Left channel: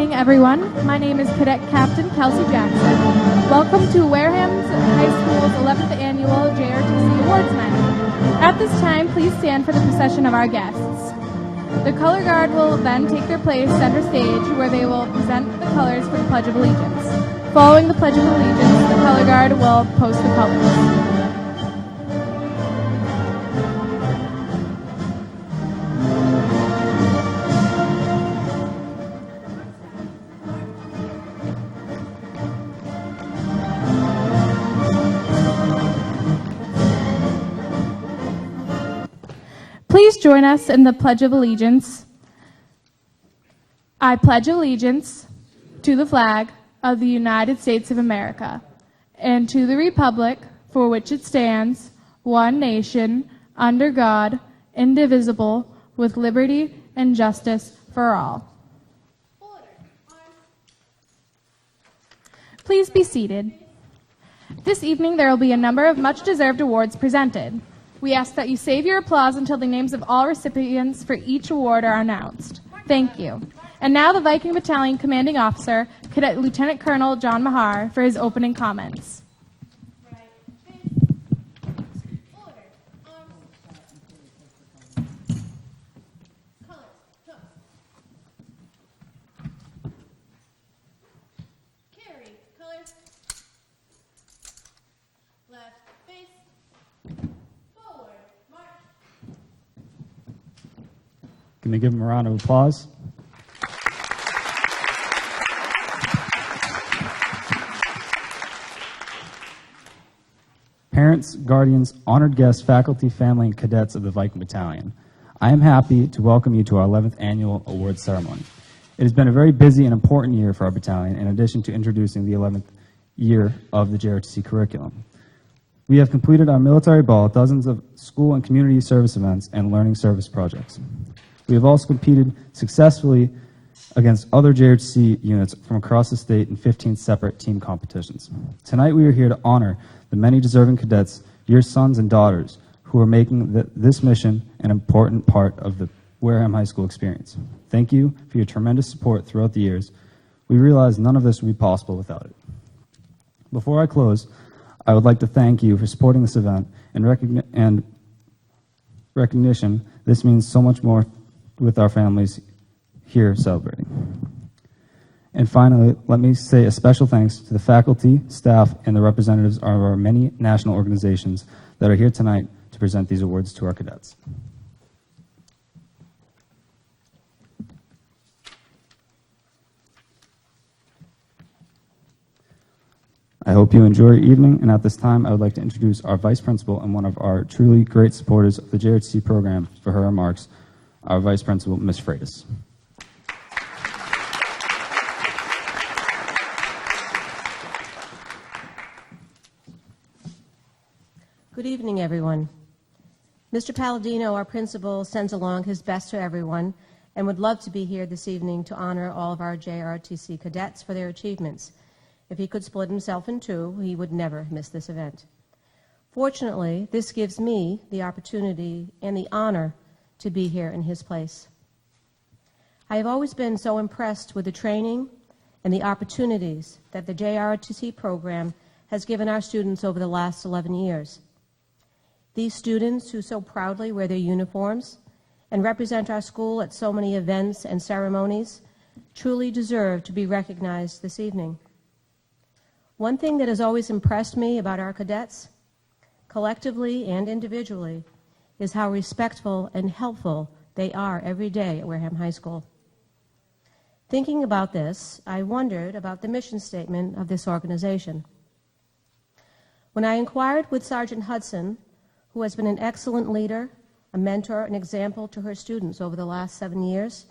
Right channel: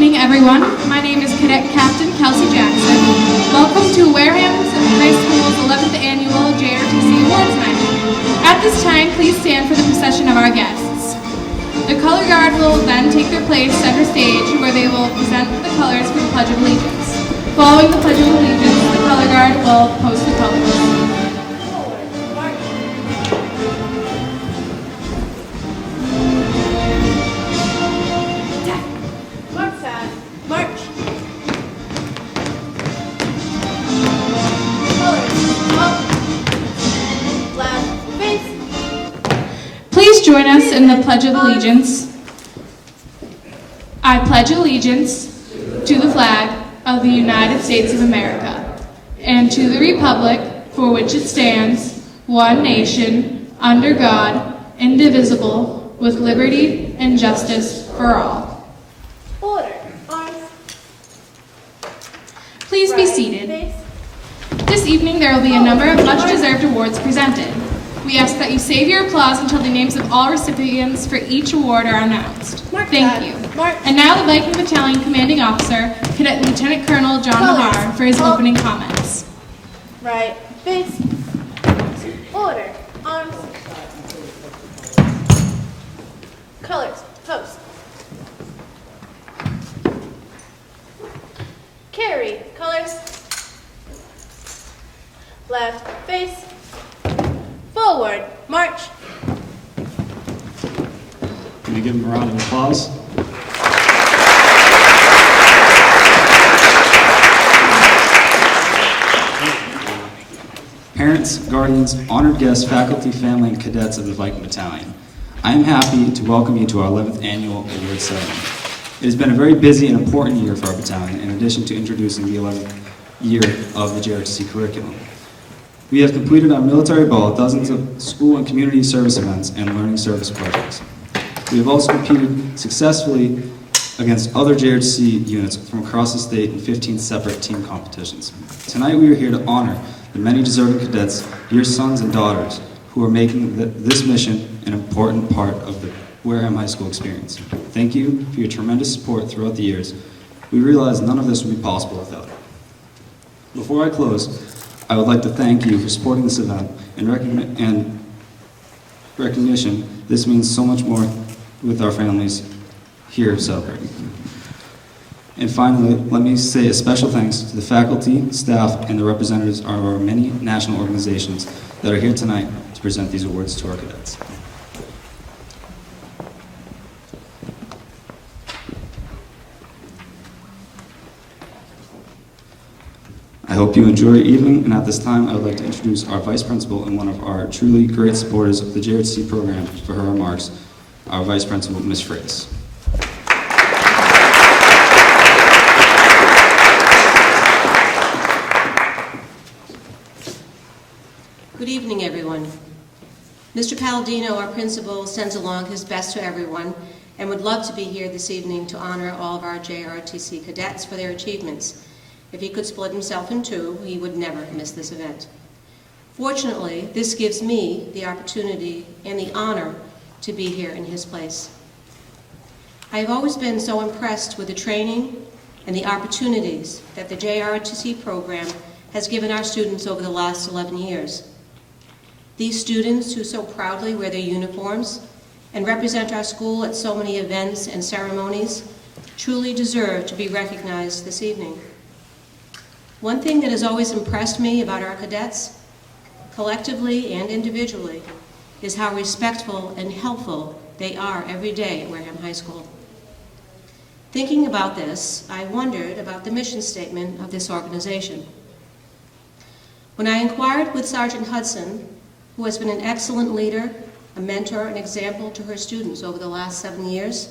evening, everyone. My name is Cadet Captain Kelsey Jackson. Welcome to Wareham High School's 11th Annual JROTC Awards Night. At this time, please stand for the procession of our guests. The color guard will then take their place center stage, where they will present the colors for the Pledge of Allegiance. Following the Pledge of Allegiance, the color guard will post the colors. Please join us in the Pledge of Allegiance. I pledge allegiance to the flag of the United States of America and to the republic for which it stands, one nation, under God, indivisible, with liberty and justice for all. Order. Arms. Please be seated. This evening there will be a number of much-deserved awards presented. We ask that you save your applause until the names of all recipients for each award are announced. Thank you. And now the Viking Battalion Commanding Officer, Cadet Lieutenant Colonel John Mahar, for his opening comments. Right. Face. Order. Arms. Colors. Post. Carry. Colors. Left. Face. Forward. March. Can you give them a round of applause? Parents, guardians, honored guests, faculty, family, and cadets of the Viking Battalion, I am happy to welcome you to our 11th Annual Award Ceremony. It has been a very busy and important year for our battalion, in addition to introducing the 11th year of the JROTC curriculum. We have completed our military ball, dozens of school and community service events, and learning service projects. We have also competed successfully against other JROTC units from across the state in 15 separate team competitions. Tonight we are here to honor the many deserving cadets, your sons and daughters, who are making this mission an important part of the Wareham High School experience. Thank you for your tremendous support throughout the years. We realize none of this would be possible without it. Before I close, I would like to thank you for supporting this event and recognition. This means so much more with our families here celebrating. And finally, let me say a special thanks to the faculty, staff, and the representatives of our many national organizations that are here tonight to present these awards to our cadets. I hope you enjoy your evening, and at this time I would like to introduce our Vice Principal and one of our truly great supporters of the JROTC program for her remarks, our Vice Principal, Ms. Freitas. Good evening, everyone. Mr. Palladino, our principal, sends along his best to everyone and would love to be here this evening to honor all of our JROTC cadets for their achievements. If he could split himself in two, he would never miss this event. Fortunately, this gives me the opportunity and the honor to be here in his place. I have always been so impressed with the training and the opportunities that the JROTC program has given our students over the last 11 years. These students who so proudly wear their uniforms and represent our school at so many events and ceremonies truly deserve to be recognized this evening. One thing that has always impressed me about our cadets, collectively and individually, is how respectful and helpful they are every day at Wareham High School. Thinking about this, I wondered about the mission statement of this organization. When I inquired with Sergeant Hudson, who has been an excellent leader, a mentor, and example to her students over the last 7 years,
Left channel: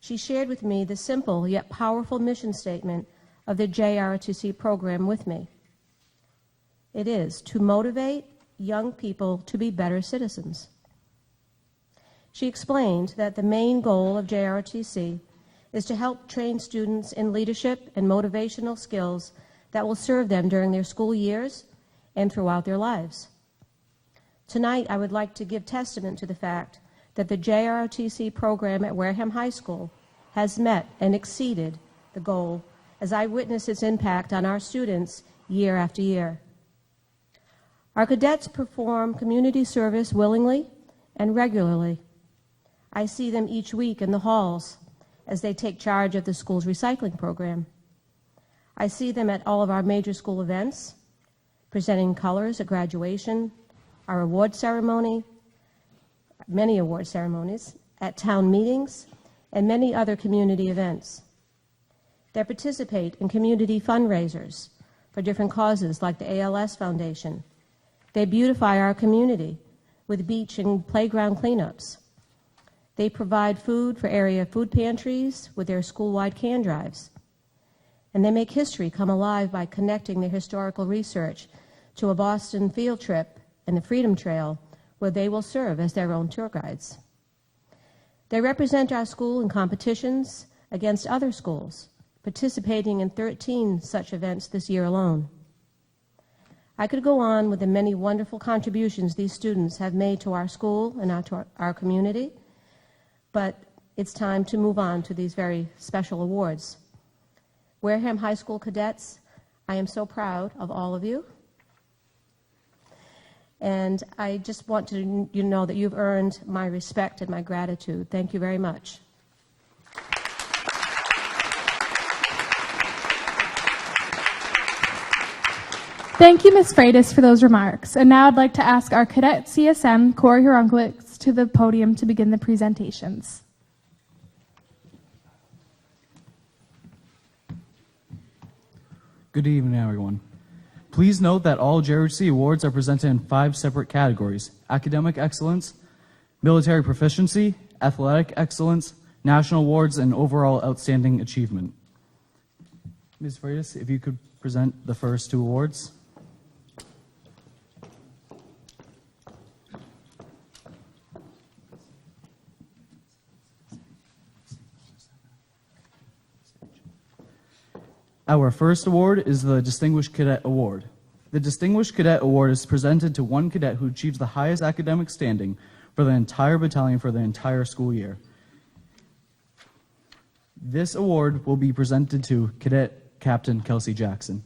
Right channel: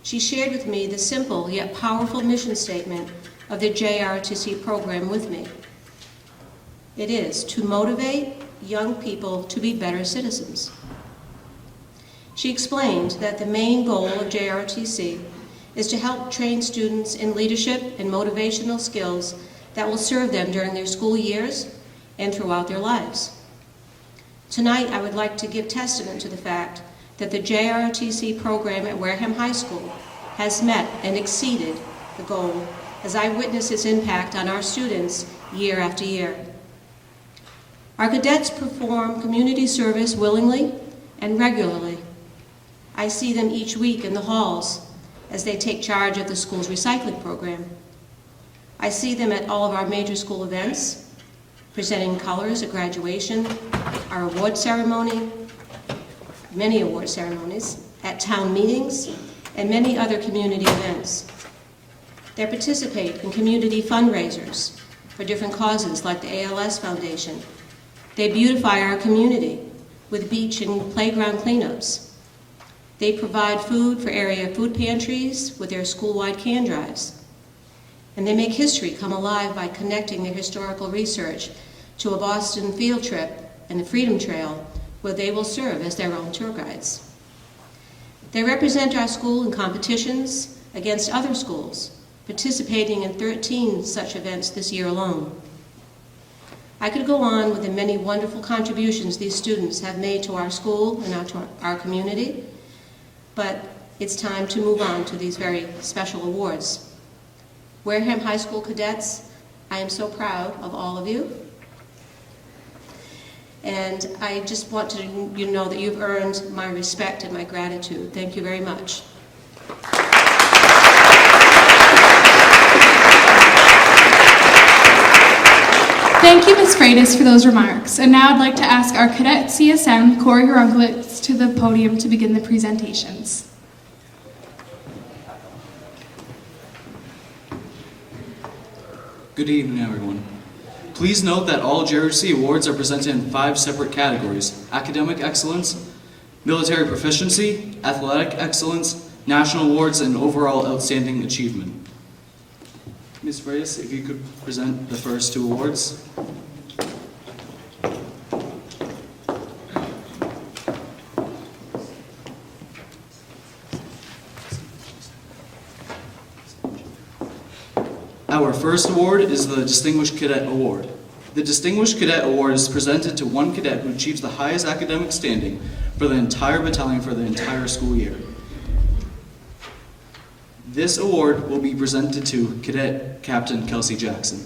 she shared with me the simple yet powerful mission statement of the JROTC program with me. It is to motivate young people to be better citizens. She explained that the main goal of JROTC is to help train students in leadership and motivational skills that will serve them during their school years and throughout their lives. Tonight, I would like to give testament to the fact that the JROTC program at Wareham High School has met and exceeded the goal as I witness its impact on our students year after year. Our cadets perform community service willingly and regularly. I see them each week in the halls as they take charge of the school's recycling program. I see them at all of our major school events, presenting colors at graduation, our award ceremony, many award ceremonies, at town meetings, and many other community events. They participate in community fundraisers for different causes like the ALS Foundation. They beautify our community with beach and playground cleanups. They provide food for area food pantries with their school-wide can drives. And they make history come alive by connecting their historical research to a Boston field trip and the Freedom Trail, where they will serve as their own tour guides. They represent our school in competitions against other schools, participating in 13 such events this year alone. I could go on with the many wonderful contributions these students have made to our school and to our community, but it's time to move on to these very special awards. Wareham High School cadets, I am so proud of all of you. And I just want to you know that you've earned my respect and my gratitude. Thank you very much. Thank you, Ms. Freitas, for those remarks. And now I'd like to ask our cadet CSM, Corey Horunklitz, to the podium to begin the presentations. Good evening, everyone. Please note that all JROTC awards are presented in 5 separate categories: academic excellence, military proficiency, athletic excellence, national awards, and overall outstanding achievement. Ms. Freitas, if you could present the first 2 awards. Our first award is the Distinguished Cadet Award. The Distinguished Cadet Award is presented to one cadet who achieves the highest academic standing for the entire battalion for the entire school year. This award will be presented to Cadet Captain Kelsey Jackson.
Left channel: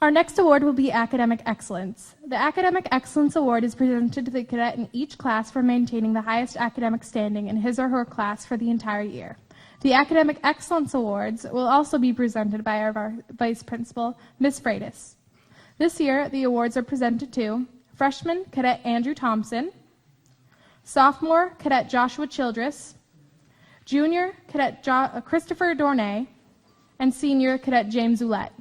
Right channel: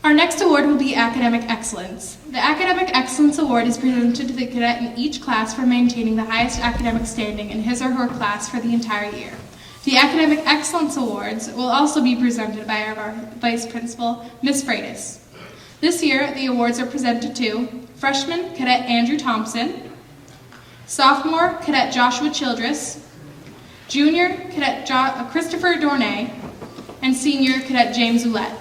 Our next award will be Academic Excellence. The Academic Excellence Award is presented to the cadet in each class for maintaining the highest academic standing in his or her class for the entire year. The Academic Excellence Awards will also be presented by our Vice Principal, Ms. Freitas. This year, the awards are presented to Freshman Cadet Andrew Thompson, Sophomore Cadet Joshua Childress, Junior Cadet Christopher Dornay, and Senior Cadet James Ouellette.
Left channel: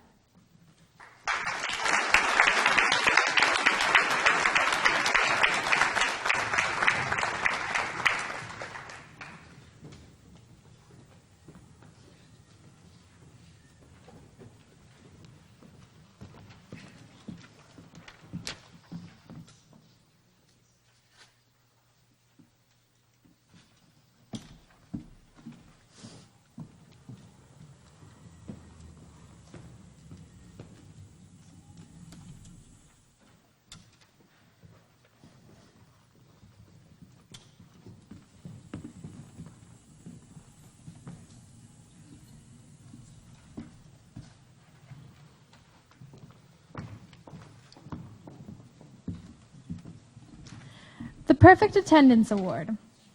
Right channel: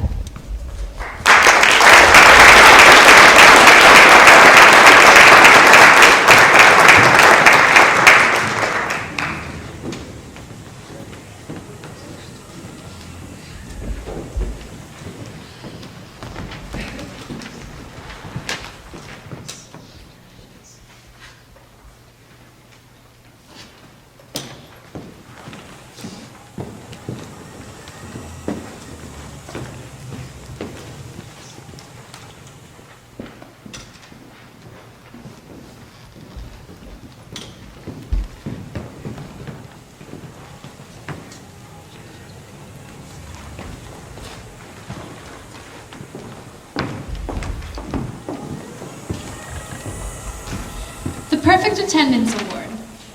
The Perfect Attendance Award.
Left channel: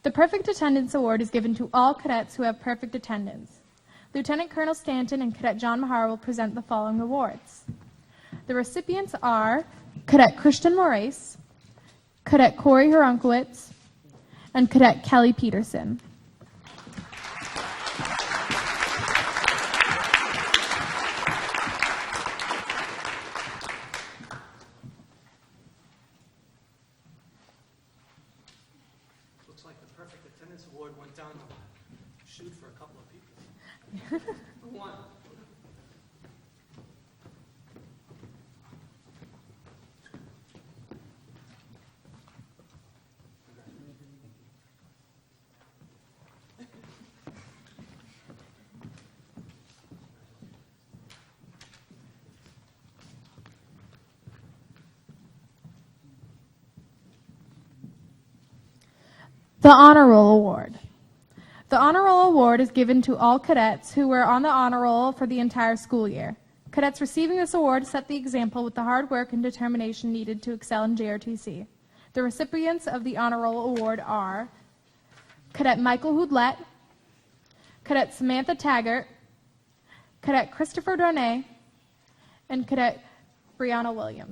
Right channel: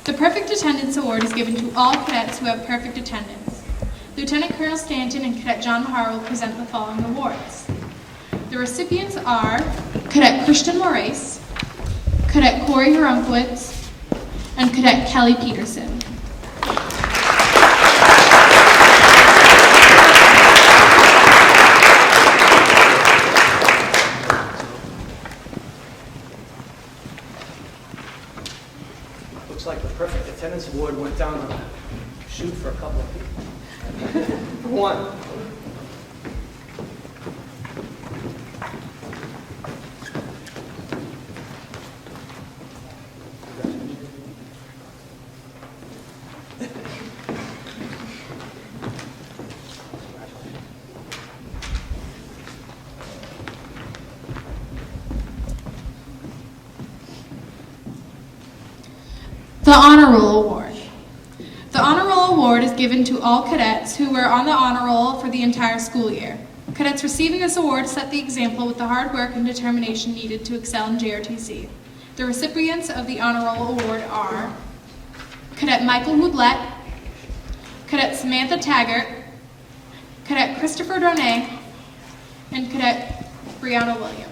The Perfect Attendance Award is given to all cadets who have perfect attendance. Lieutenant Colonel Stanton and Cadet John Har will present the following awards. The recipients are Cadet Christian Moraes, Cadet Corey Horunklitz, and Cadet Kelly Peterson. Looks like the Perfect Attendance Award went down a chute for a couple of people. One. The Honor Roll Award. The Honor Roll Award is given to all cadets who were on the honor roll for the entire school year. Cadets receiving this award set the example with the hard work and determination needed to excel in JROTC. The recipients of the Honor Roll Award are Cadet Michael Houdlet, Cadet Samantha Taggart, Cadet Christopher Donay, and Cadet Brianna Williams.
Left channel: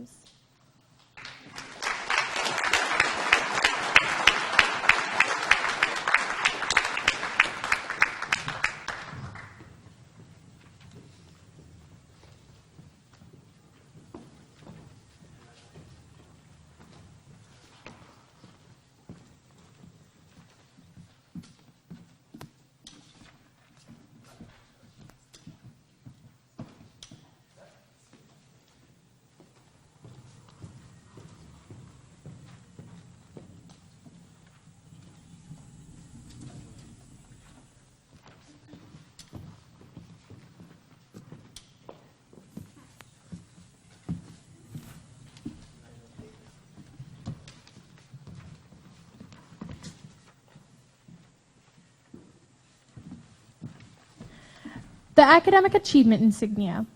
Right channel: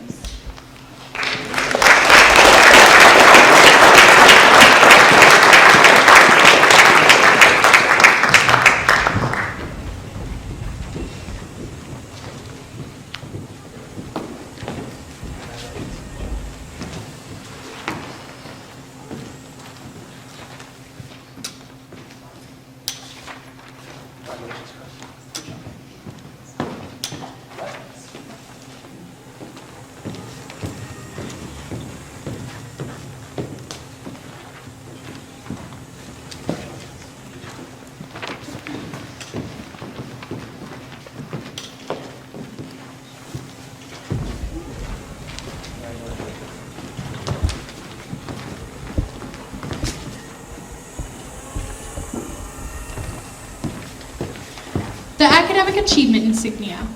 The Academic Achievement Insignia.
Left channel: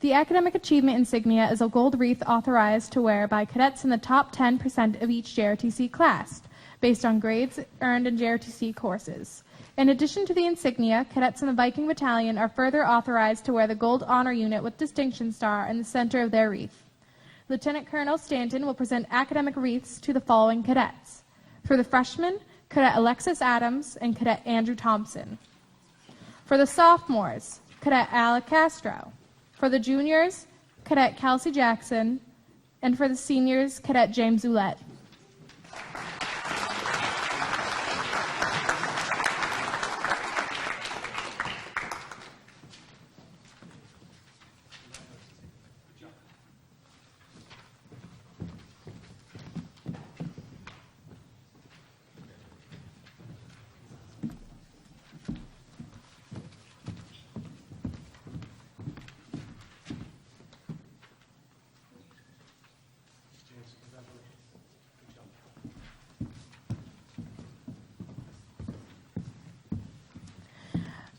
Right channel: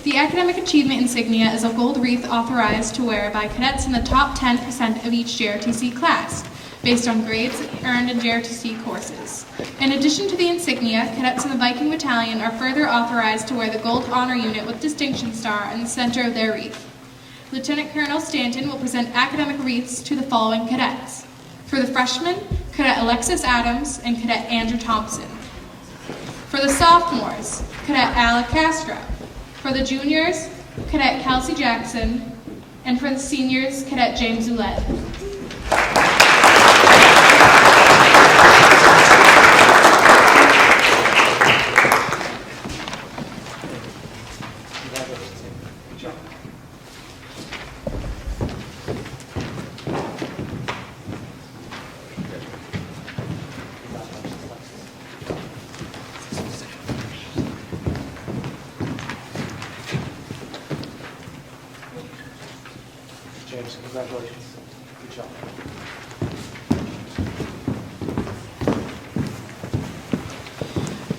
The Academic Achievement Insignia is a gold wreath authorized to wear by cadets in the top 10% of each JROTC class, based on grades earned in JROTC courses. In addition to the insignia, cadets in the Viking Battalion are further authorized to wear the Gold Honor Unit with Distinction Star in the center of their wreath. Lieutenant Colonel Stanton will present academic wreaths to the following cadets. For the freshmen, Cadet Alexis Adams and Cadet Andrew Thompson. For the sophomores, Cadet Alec Castro. For the juniors, Cadet Kelsey Jackson. And for the seniors, Cadet James Ouellette. James, congratulations. Good job.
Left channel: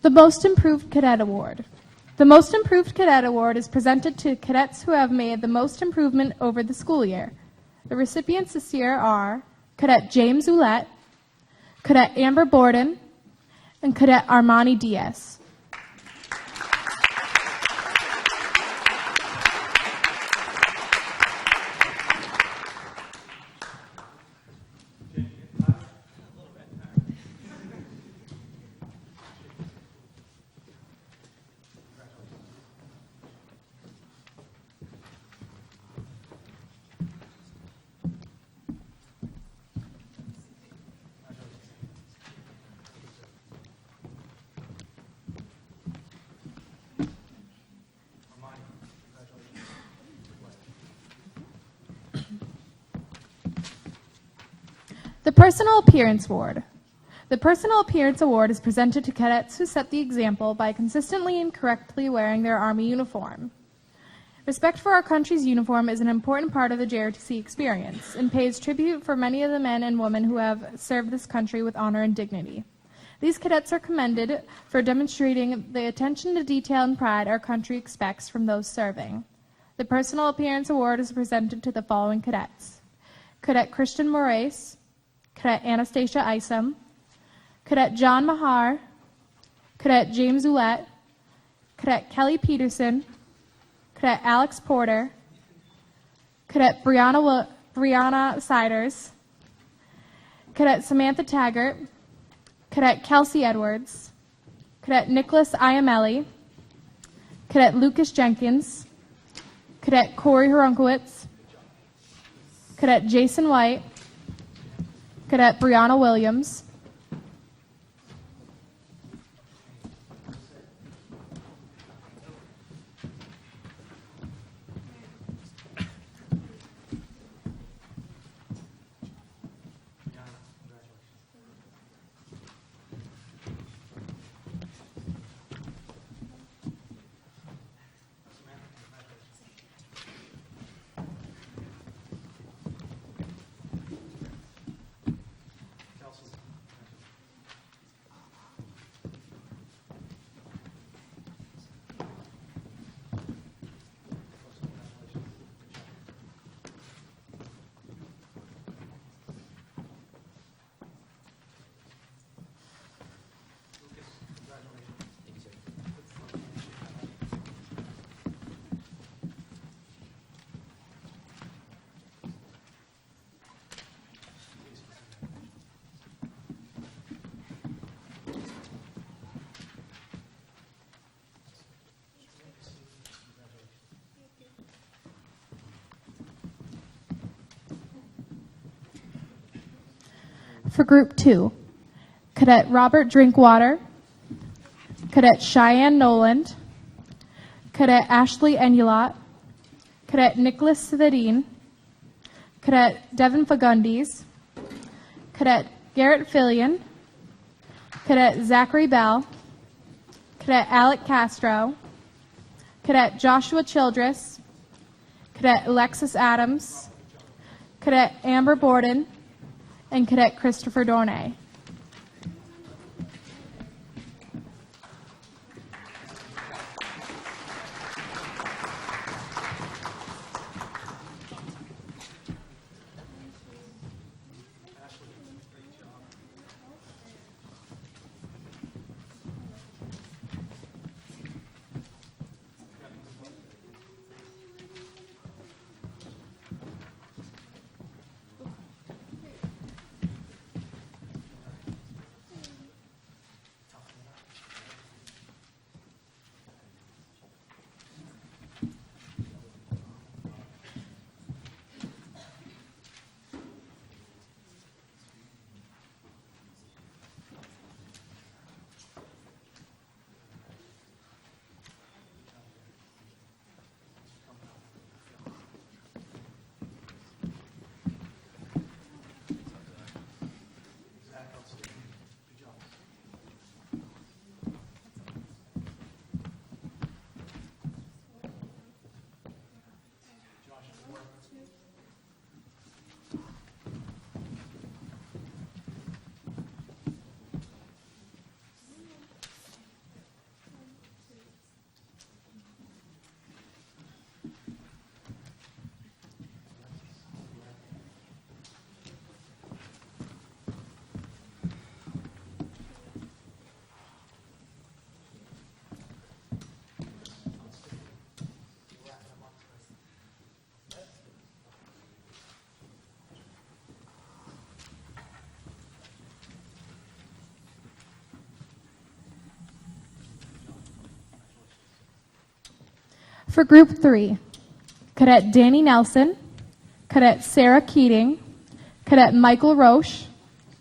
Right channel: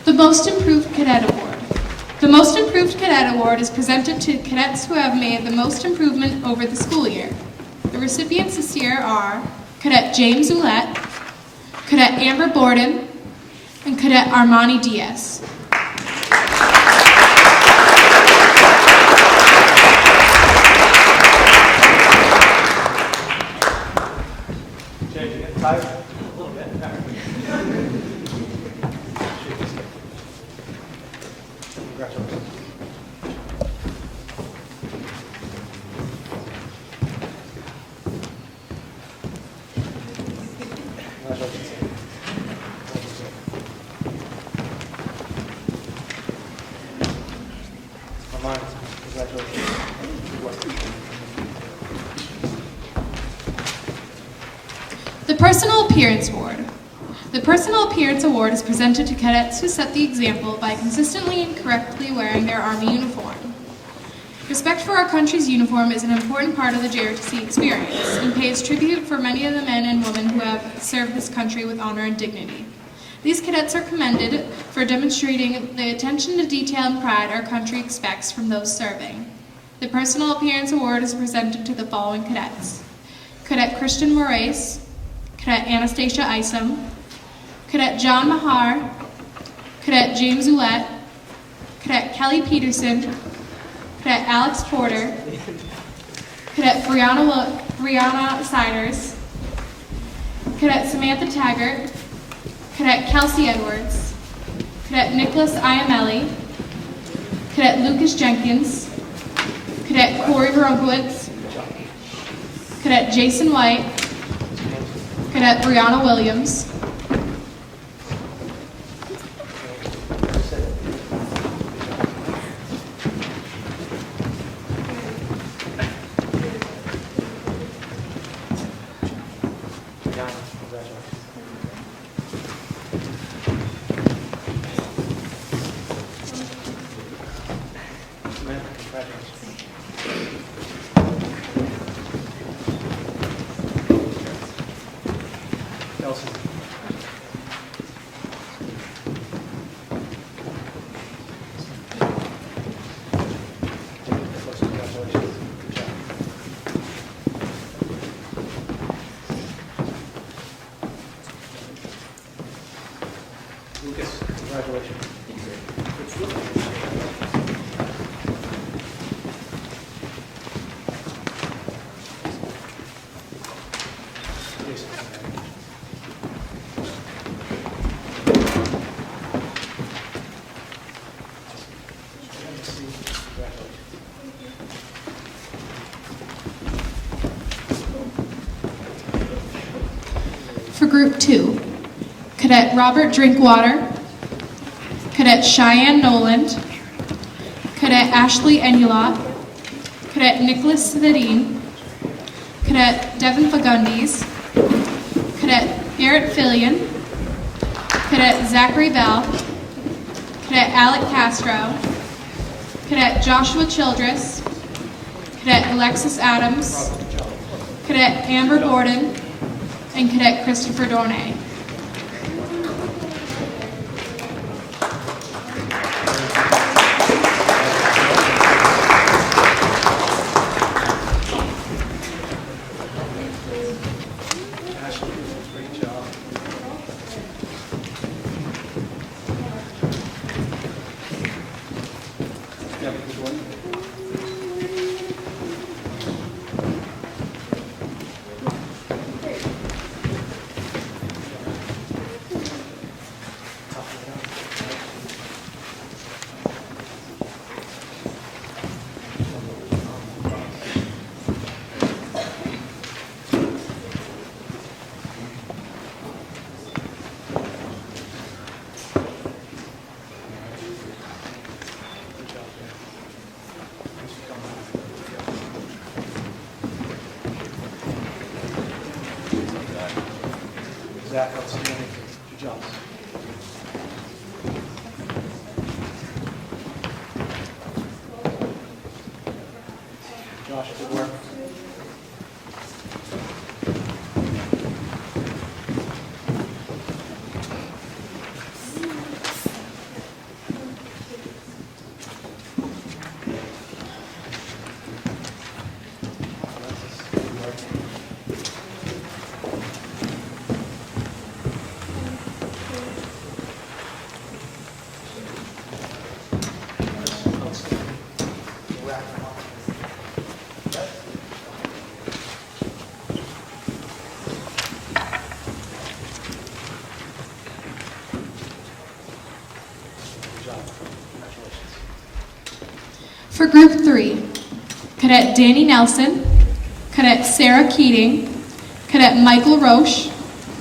The Most Improved Cadet Award. The Most Improved Cadet Award is presented to cadets who have made the most improvement over the school year. The recipients this year are Cadet James Ouellette, Cadet Amber Borden, and Cadet Armani Diaz. James, you getting tired? A little bit. All right. Congratulations. Congratulations. Armani, congratulations. Good work. The Personal Appearance Award. The Personal Appearance Award is presented to cadets who set the example by consistently and correctly wearing their Army uniform. Respect for our country's uniform is an important part of the JROTC experience and pays tribute for many of the men and women who have served this country with honor and dignity. These cadets are commended for demonstrating the attention to detail and pride our country expects from those serving. The Personal Appearance Award is presented to the following cadets: Cadet Christian Moraes, Cadet Anastasia Isom, Cadet John Mahar, Cadet James Ouellette, Cadet Kelly Peterson, Cadet Alex Porter, Cadet Brianna Siders, Cadet Samantha Taggart, Cadet Kelsey Edwards, Cadet Nicholas Iamelli, Cadet Lucas Jenkins, Cadet Corey Runkowitz, Cadet Jason White, Cadet Brianna Williams, Brianna, congratulations. Samantha, congratulations. Kelsey, For Group 2, Cadet Robert Drinkwater, Cadet Cheyenne Noland, Cadet Ashley Enulot, Cadet Nicholas Svedin, Cadet Devin Fagundes, Cadet Garrett Fillion, Cadet Zachary Bell, Cadet Alec Castro, Cadet Joshua Childress, Cadet Alexis Adams, Cadet Amber Gordon, and Cadet Christopher Dornay. Ashley, great job. Yeah, good one. Zach, outstanding. Good job. Josh, good work. For Group 3, Cadet Danny Nelson, Cadet Sarah Keating, Cadet Michael Roche,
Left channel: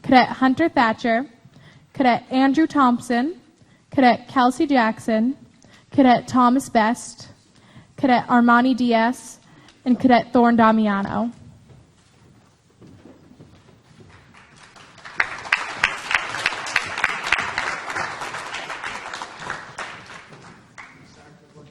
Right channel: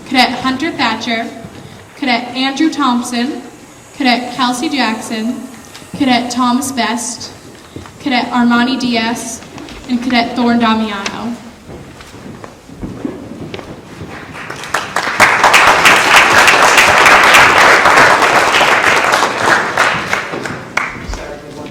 Cadet Hunter Thatcher, Cadet Andrew Thompson, Cadet Kelsey Jackson, Cadet Thomas Best, Cadet Armani Diaz, and Cadet Thorne Damiano. Sarah, good one.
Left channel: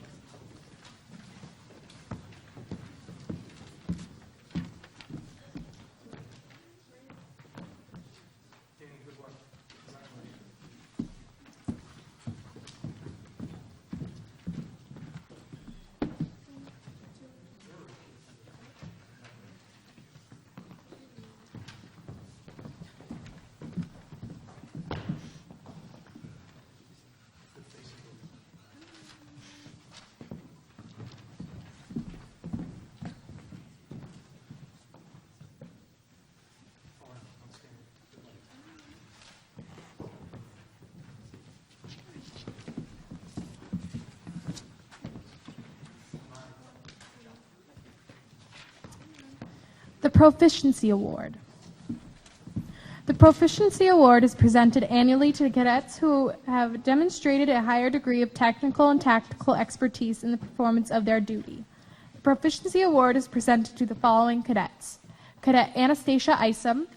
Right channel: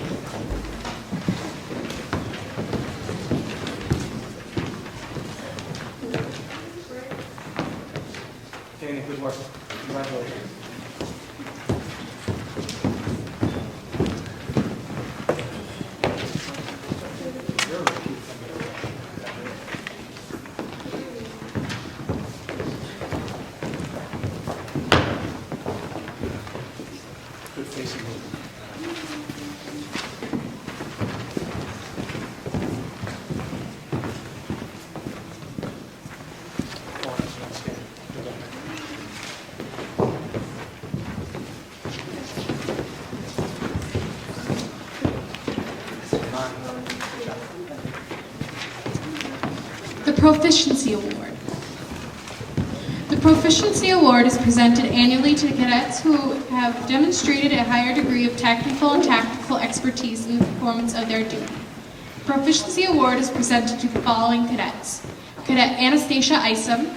Danny, good work. Congratulations. You're a repeat offender. Good facing move. Oh, that's outstanding. Good work. The Proficiency Award. The Proficiency Award is presented annually to cadets who have demonstrated a higher degree of technical and tactical expertise in the performance of their duty. The Proficiency Award is presented to the following cadets: Cadet Anastasia Isom,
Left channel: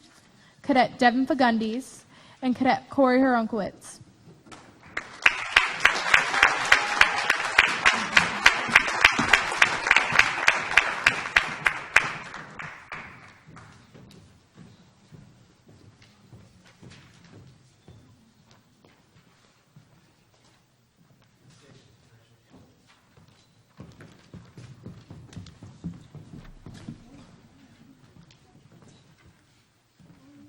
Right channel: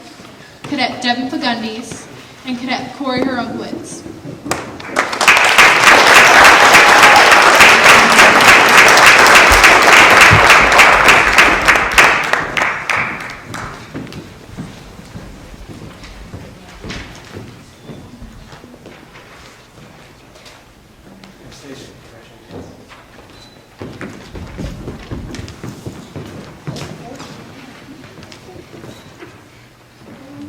Cadet Devin Fagundes, and Cadet Corey Herumowitz. Anastasia, congratulations.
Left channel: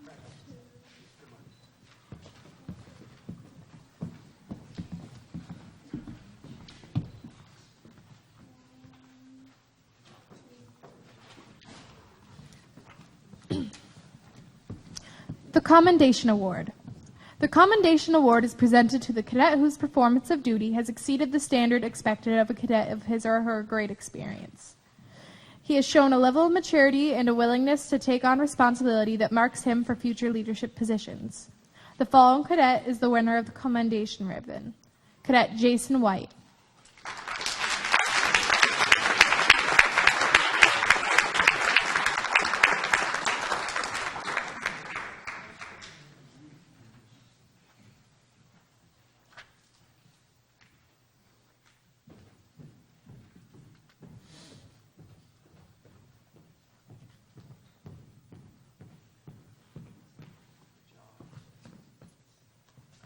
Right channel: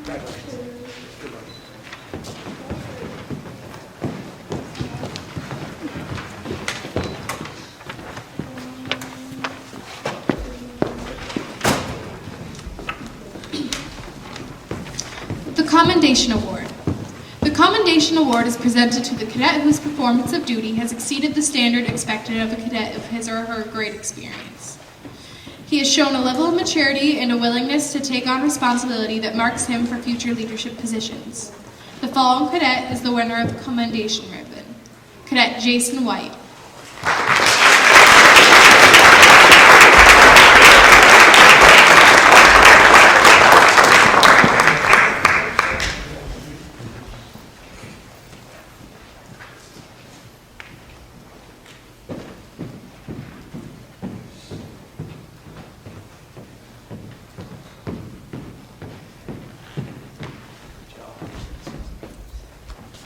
Congratulations. Good work. The Commendation Award. The Commendation Award is presented to the cadet whose performance of duty has exceeded the standard expected of a cadet of his or her grade experience. He has shown a level of maturity and a willingness to take on responsibility that marks him for future leadership positions. The following cadet is the winner of the Commendation Ribbon. Cadet Jason White.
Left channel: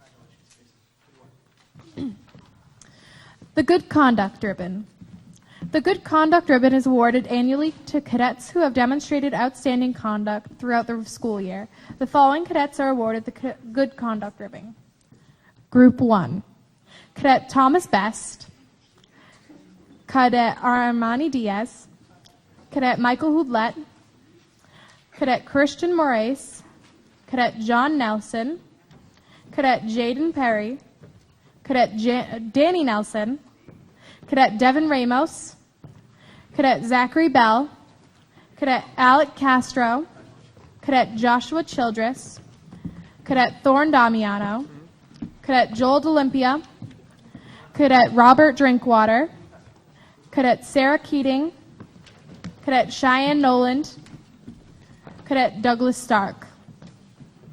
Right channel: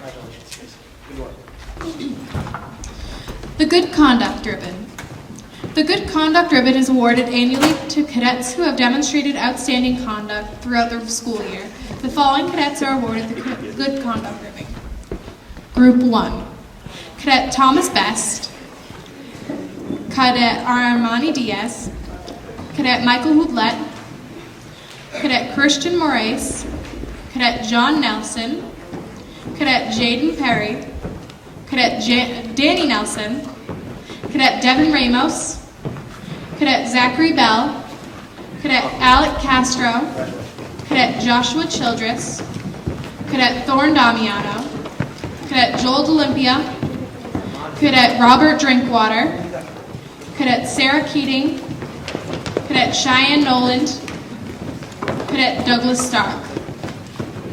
Congratulations, Jason. Good work. The Good Conduct Ribbon. The Good Conduct Ribbon is awarded annually to cadets who have demonstrated outstanding conduct throughout the school year. The following cadets are awarded the Good Conduct Ribbon. Group 1. Cadet Thomas Best. Cadet Armani Diaz. Cadet Michael Houdlet. Cadet Christian Moraes. Cadet John Nelson. Cadet Jaden Perry. Cadet Danny Nelson. Cadet Devin Ramos. Cadet Zachary Bell. Cadet Alec Castro. Cadet Joshua Childress. Cadet Thorne Damiano. Cadet Joel D'Olympia. Cadet Robert Drinkwater. Cadet Sarah Keating. Cadet Cheyenne Noland. Cadet Douglas Stark.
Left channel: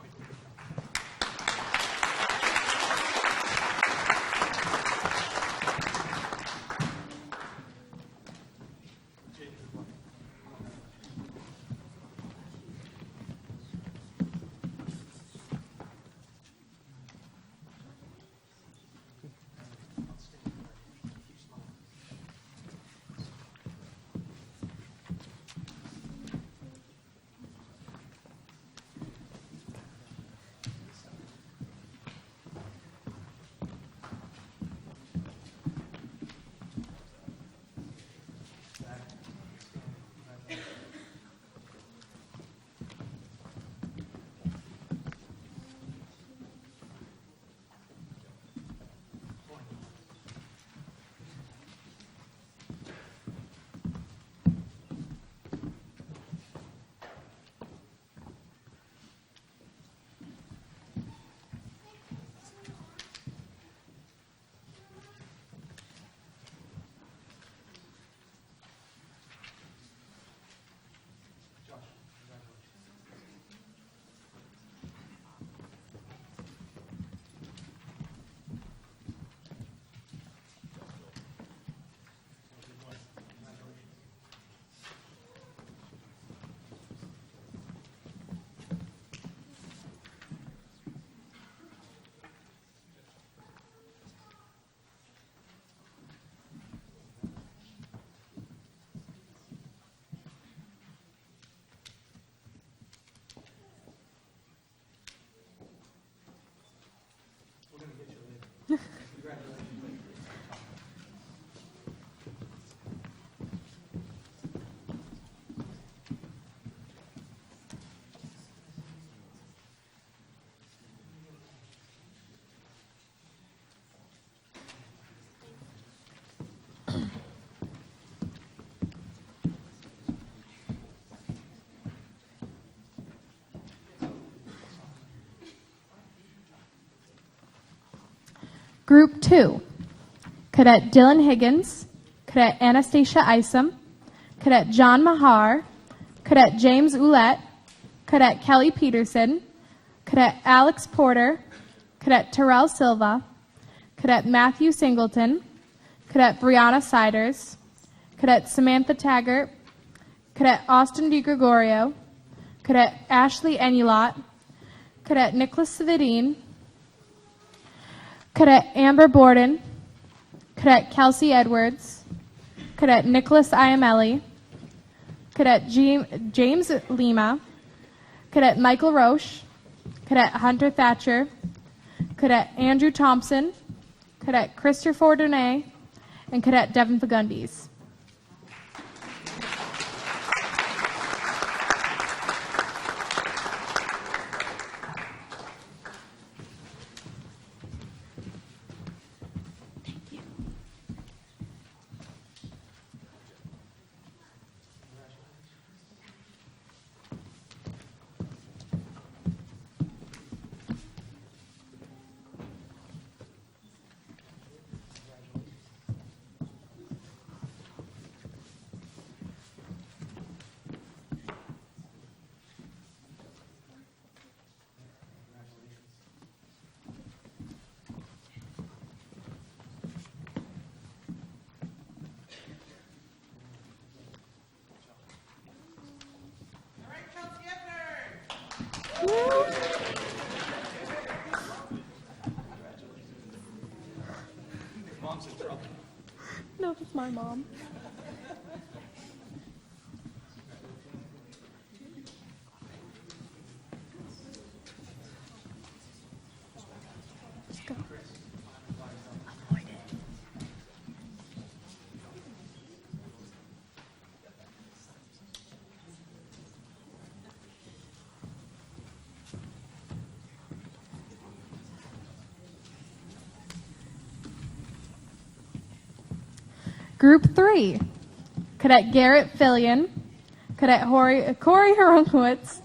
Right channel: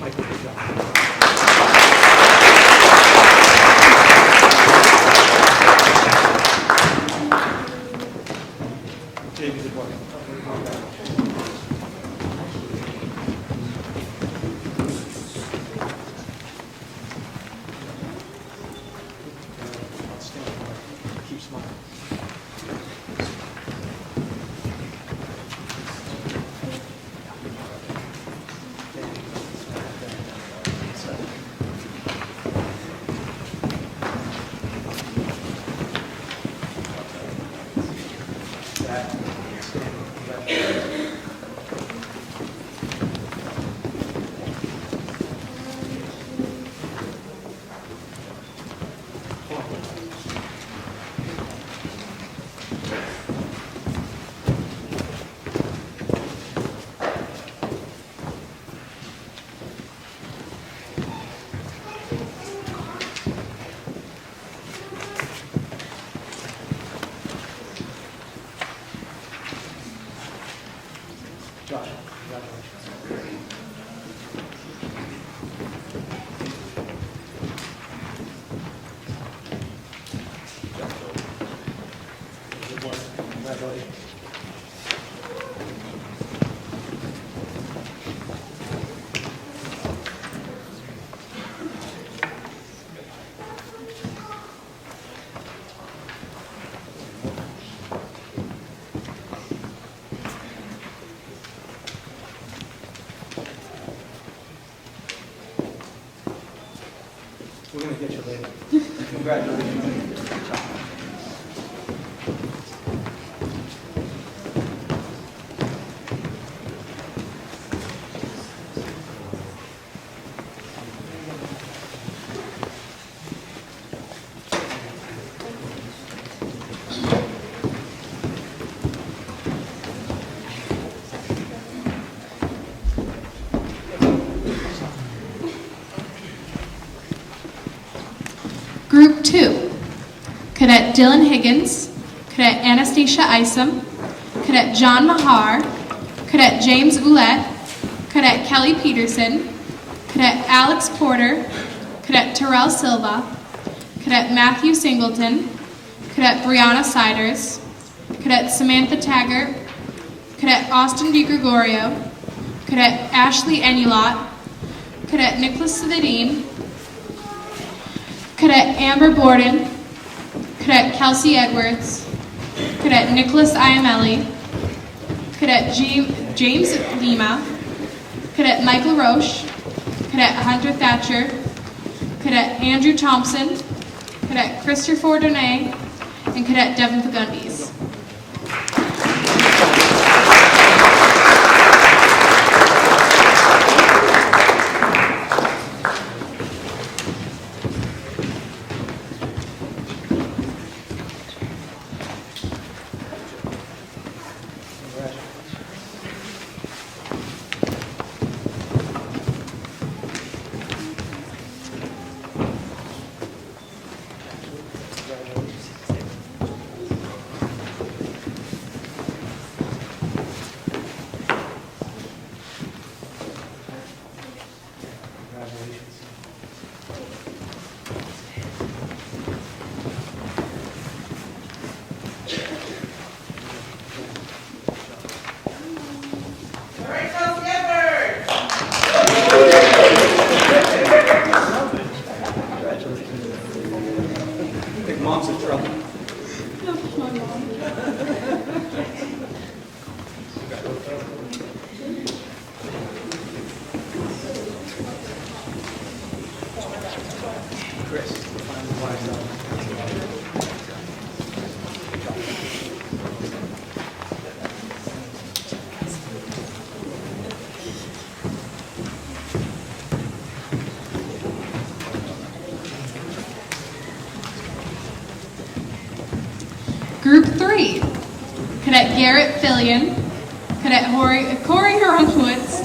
Michael, good job. Jamie, good work. Outstanding. Keep smiling. Josh, congratulations. Good work. Congratulations. We're going to get you later. Congratulations. Group 2. Cadet Dylan Higgins. Cadet Anastasia Isom. Cadet John Mahar. Cadet James Ouellette. Cadet Kelly Peterson. Cadet Alex Porter. Cadet Terrell Silva. Cadet Matthew Singleton. Cadet Brianna Siders. Cadet Samantha Taggart. Cadet Austin DiGregorio. Cadet Ashley Enulot. Cadet Nicholas Svedine. Cadet Amber Borden. Cadet Kelsey Edwards. Cadet Nicholas Iamelli. Cadet James Lima. Cadet Michael Roche. Cadet Hunter Thatcher. Cadet Andrew Thompson. Cadet Christopher Donay. And Cadet Devin Pagundes. Chris, find the flags up. Group 3, Cadet Garrett Fillion, Cadet Corey Horowitz,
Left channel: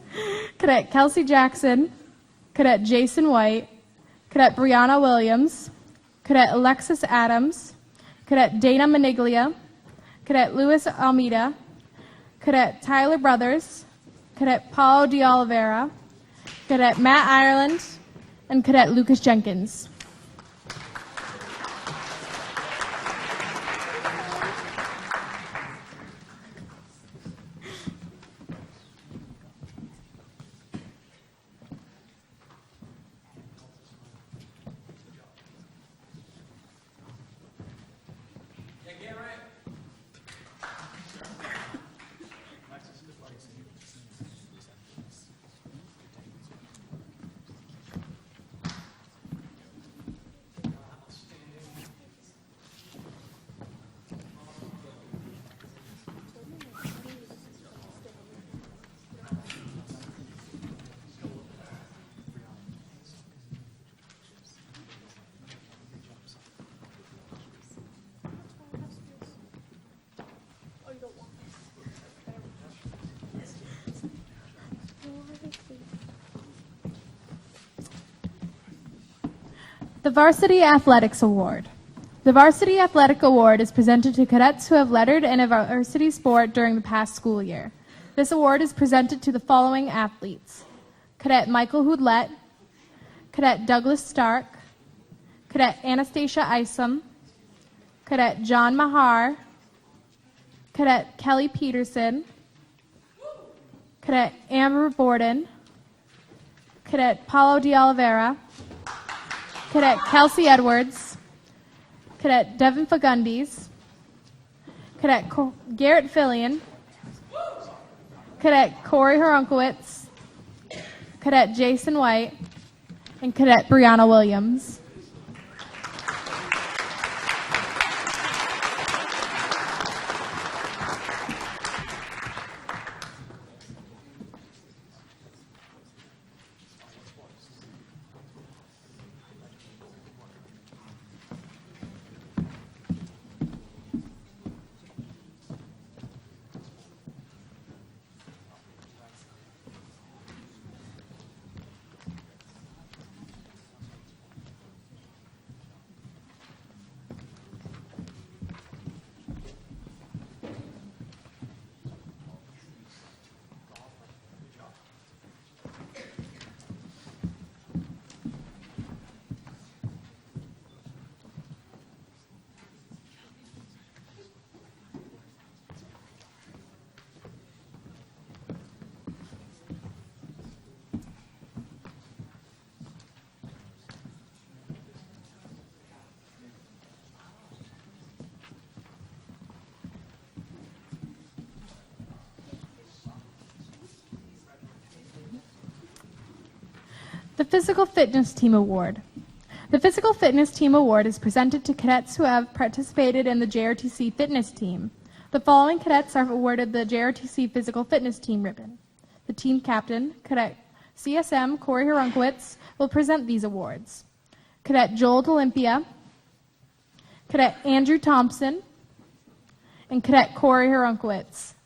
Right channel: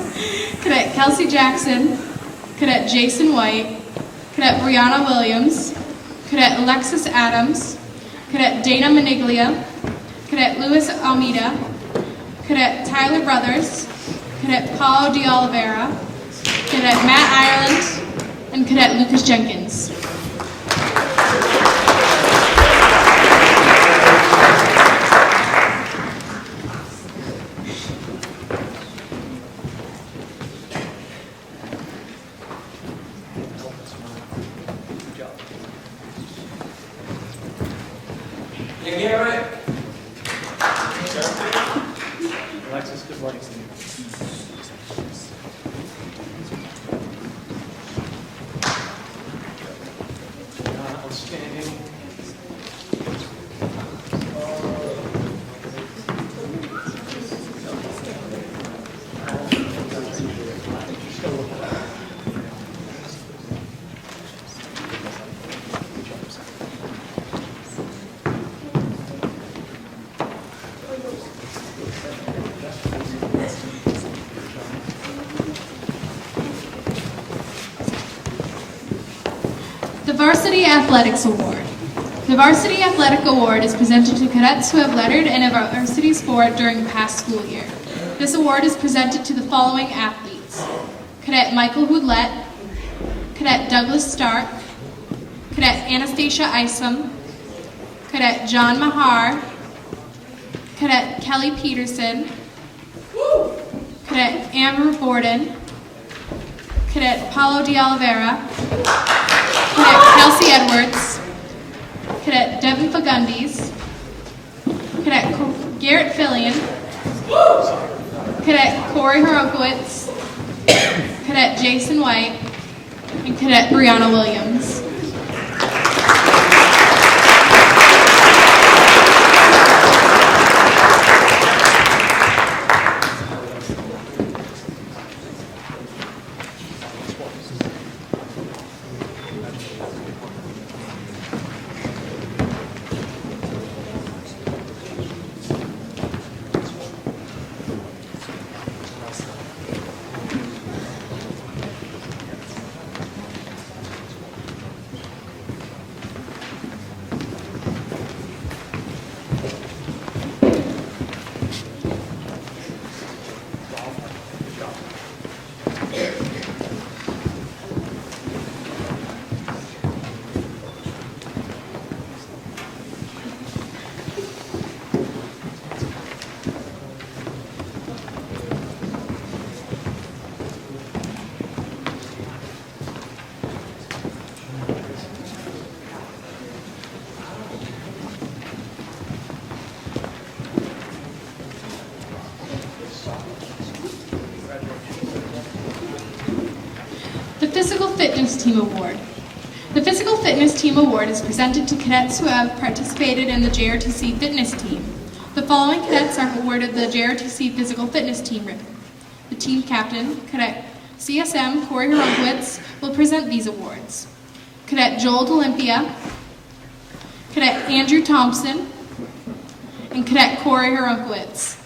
Cadet Kelsey Jackson, Cadet Jason White, Cadet Brianna Williams, Cadet Alexis Adams, Cadet Dana Maniglia, Cadet Luis Almeida, Cadet Tyler Brothers, Cadet Paulo de Oliveira, Cadet Matt Ireland, and Cadet Lucas Jenkins. Good job. Alexis, good morning. Outstanding. The Varsity Athletics Award. The Varsity Athletic Award is presented to cadets who have lettered in a varsity sport during the past school year. This award is presented to the following athletes: Cadet Michael Houdlet, Cadet Douglas Stark, Cadet Anastasia Isom, Cadet John Mahar, Cadet Kelly Peterson, Cadet Amber Borden, Cadet Paulo de Oliveira, Cadet Kelsey Edwards, Cadet Devin Fagundis, Cadet Garrett Fillion, Cadet Corey Horowitz, Cadet Jason White, and Cadet Brianna Williams. The Physical Fitness Team Award. The Physical Fitness Team Award is presented to cadets who have participated in the JROTC Fitness Team. The following cadets are awarded the JROTC Physical Fitness Team ribbon. The team captain, Cadet CSM Corey Horowitz, will present these awards. Cadet Joel D'Olympia, Cadet Andrew Thompson, and Cadet Corey Horowitz.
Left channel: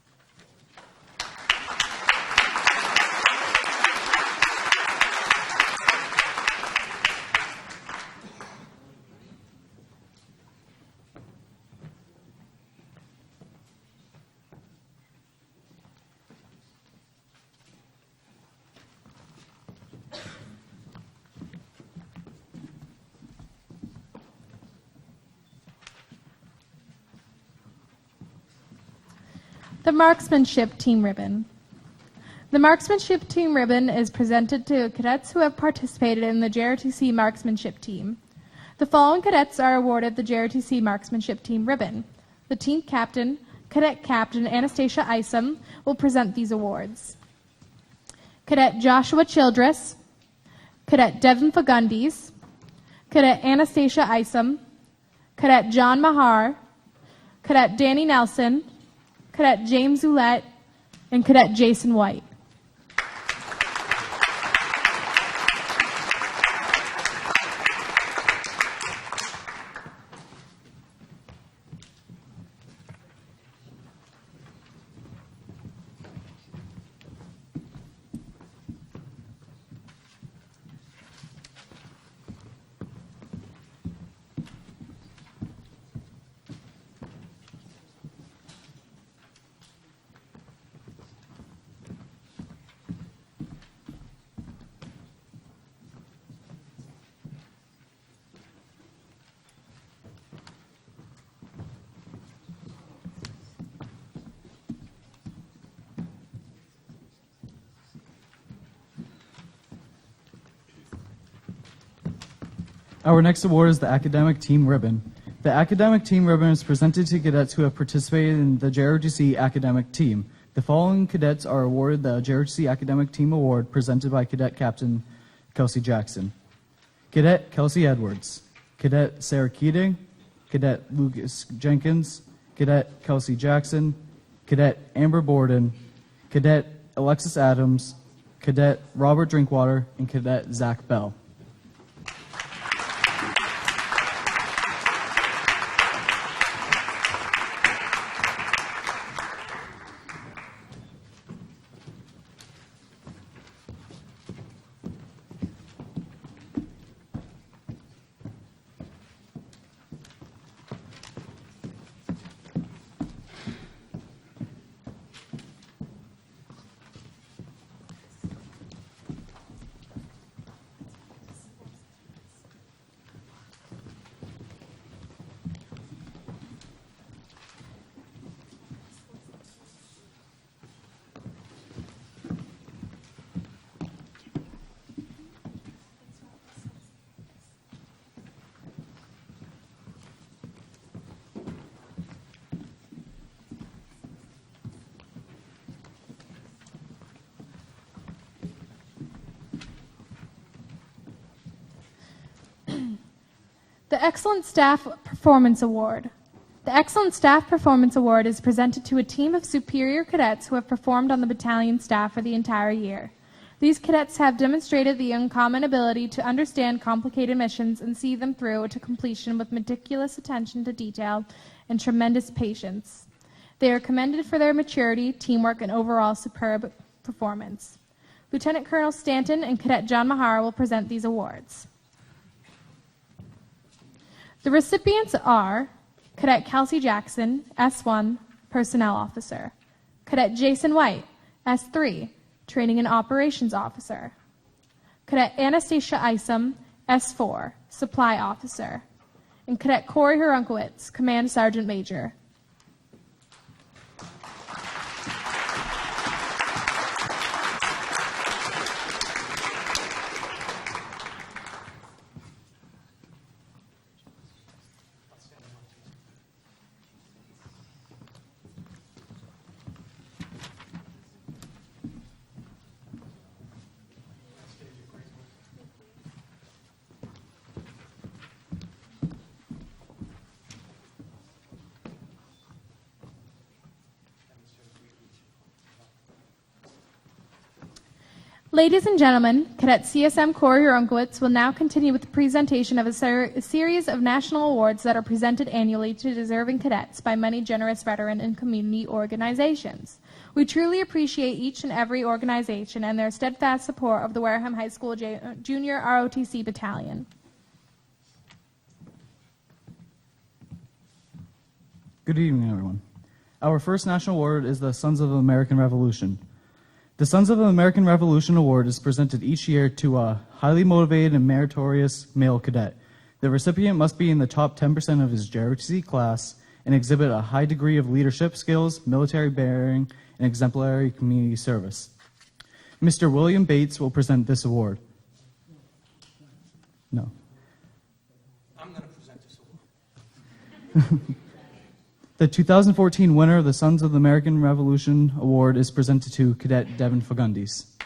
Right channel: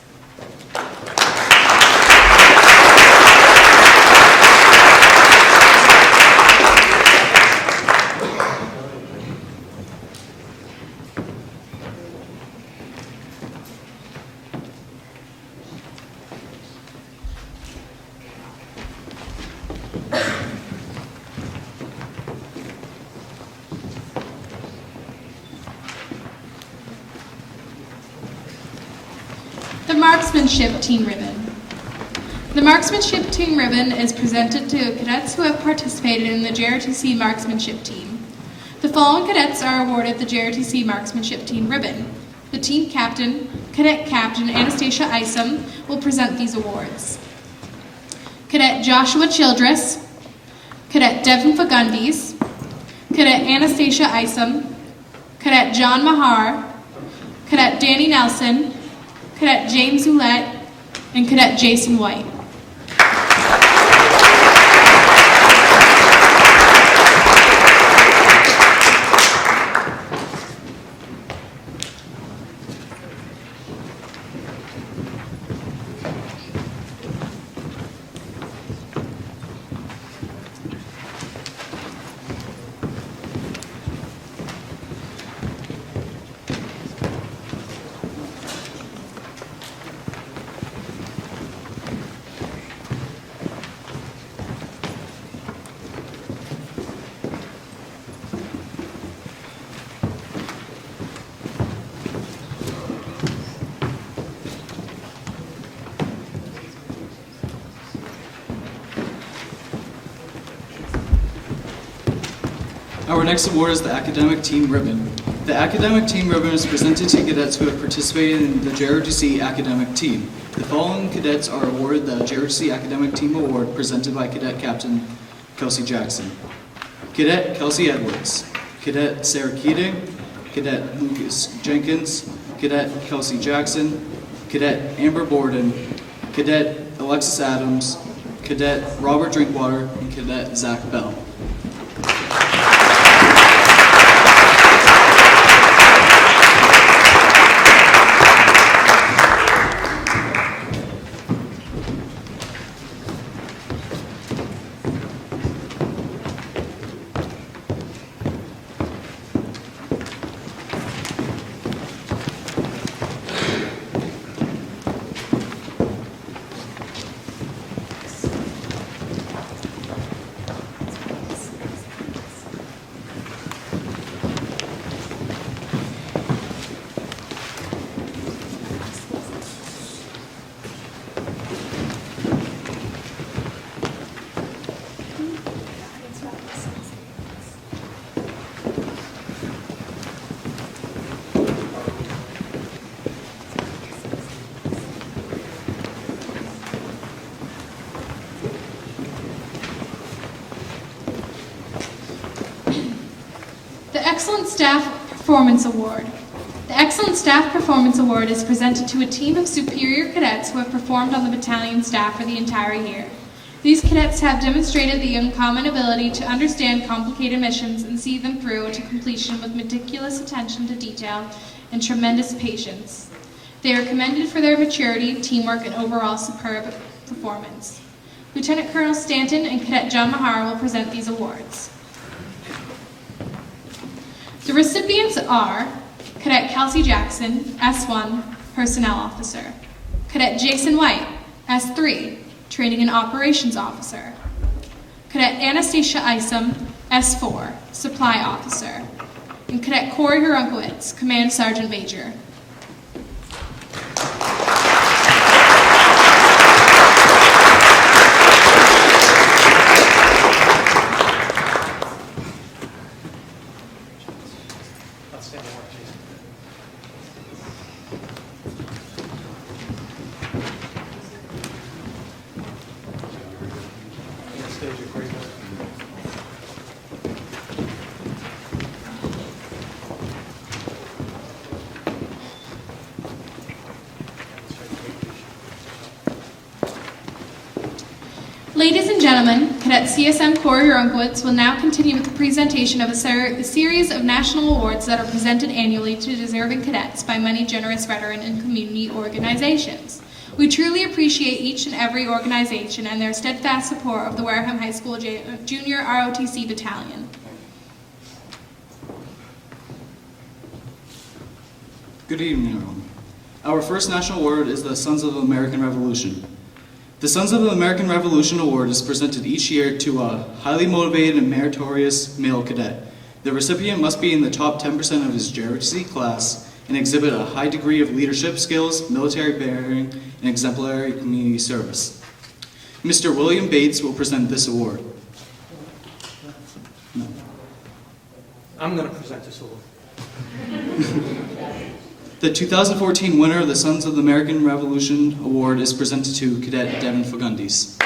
The Marksmanship Team Ribbon. The Marksmanship Team Ribbon is presented to cadets who have participated in the JROTC Marksmanship Team. The following cadets are awarded the JROTC Marksmanship Team Ribbon: The team captain, Cadet Captain Anastasia Isom, will present these awards. Cadet Joshua Childress, Cadet Devin Fagundis, Cadet Anastasia Isom, Cadet John Mahar, Cadet Danny Nelson, Cadet James Ouellette, and Cadet Jason White. Our next award is the Academic Team Ribbon. The Academic Team Ribbon is presented to cadets who have participated in the JROTC Academic Team. The following cadets are awarded the JROTC Academic Team Award presented by Cadet Captain Kelsey Jackson. Cadet Kelsey Edwards, Cadet Sarah Keating, Cadet Lucas Jenkins, Cadet Kelsey Jackson, Cadet Amber Borden, Cadet Alexis Adams, Cadet Robert Drinkwater, and Cadet Zach Bell. The Excellent Staff Performance Award. The Excellent Staff Performance Award is presented to a team of superior cadets who have performed on the battalion staff for the entire year. These cadets have demonstrated the uncommon ability to understand complicated missions and see them through to completion with meticulous attention to detail and tremendous patience. They are commended for their maturity, teamwork, and overall superb performance. Lieutenant Colonel Stanton and Cadet John Mahar will present these awards. The recipients are Cadet Kelsey Jackson, S1, Personnel Officer. Cadet Jason White, S3, Training and Operations Officer. Cadet Anastasia Isom, S4, Supply Officer. And Cadet Corey Hrunkowitz, Command Sergeant Major. Outstanding work, Jason. Stage your great work. Ladies and gentlemen, Cadet CSM Corey Hrunkowitz will now continue with the presentation of a series of national awards that are presented annually to deserving cadets by many generous veteran and community organizations. We truly appreciate each and every organization and their steadfast support of the Wareham High School Junior ROTC Battalion. Good evening, everyone. Our first national award is the Sons of the American Revolution. The Sons of the American Revolution Award is presented each year to a highly motivated and meritorious male cadet. The recipient must be in the top 10% of his JROTC class and exhibit a high degree of leadership skills, military bearing, and exemplary community service. Mr. William Bates will present this award. No. I'm going to present this award. The 2014 winner of the Sons of the American Revolution Award is presented to Cadet Devin Fagundis.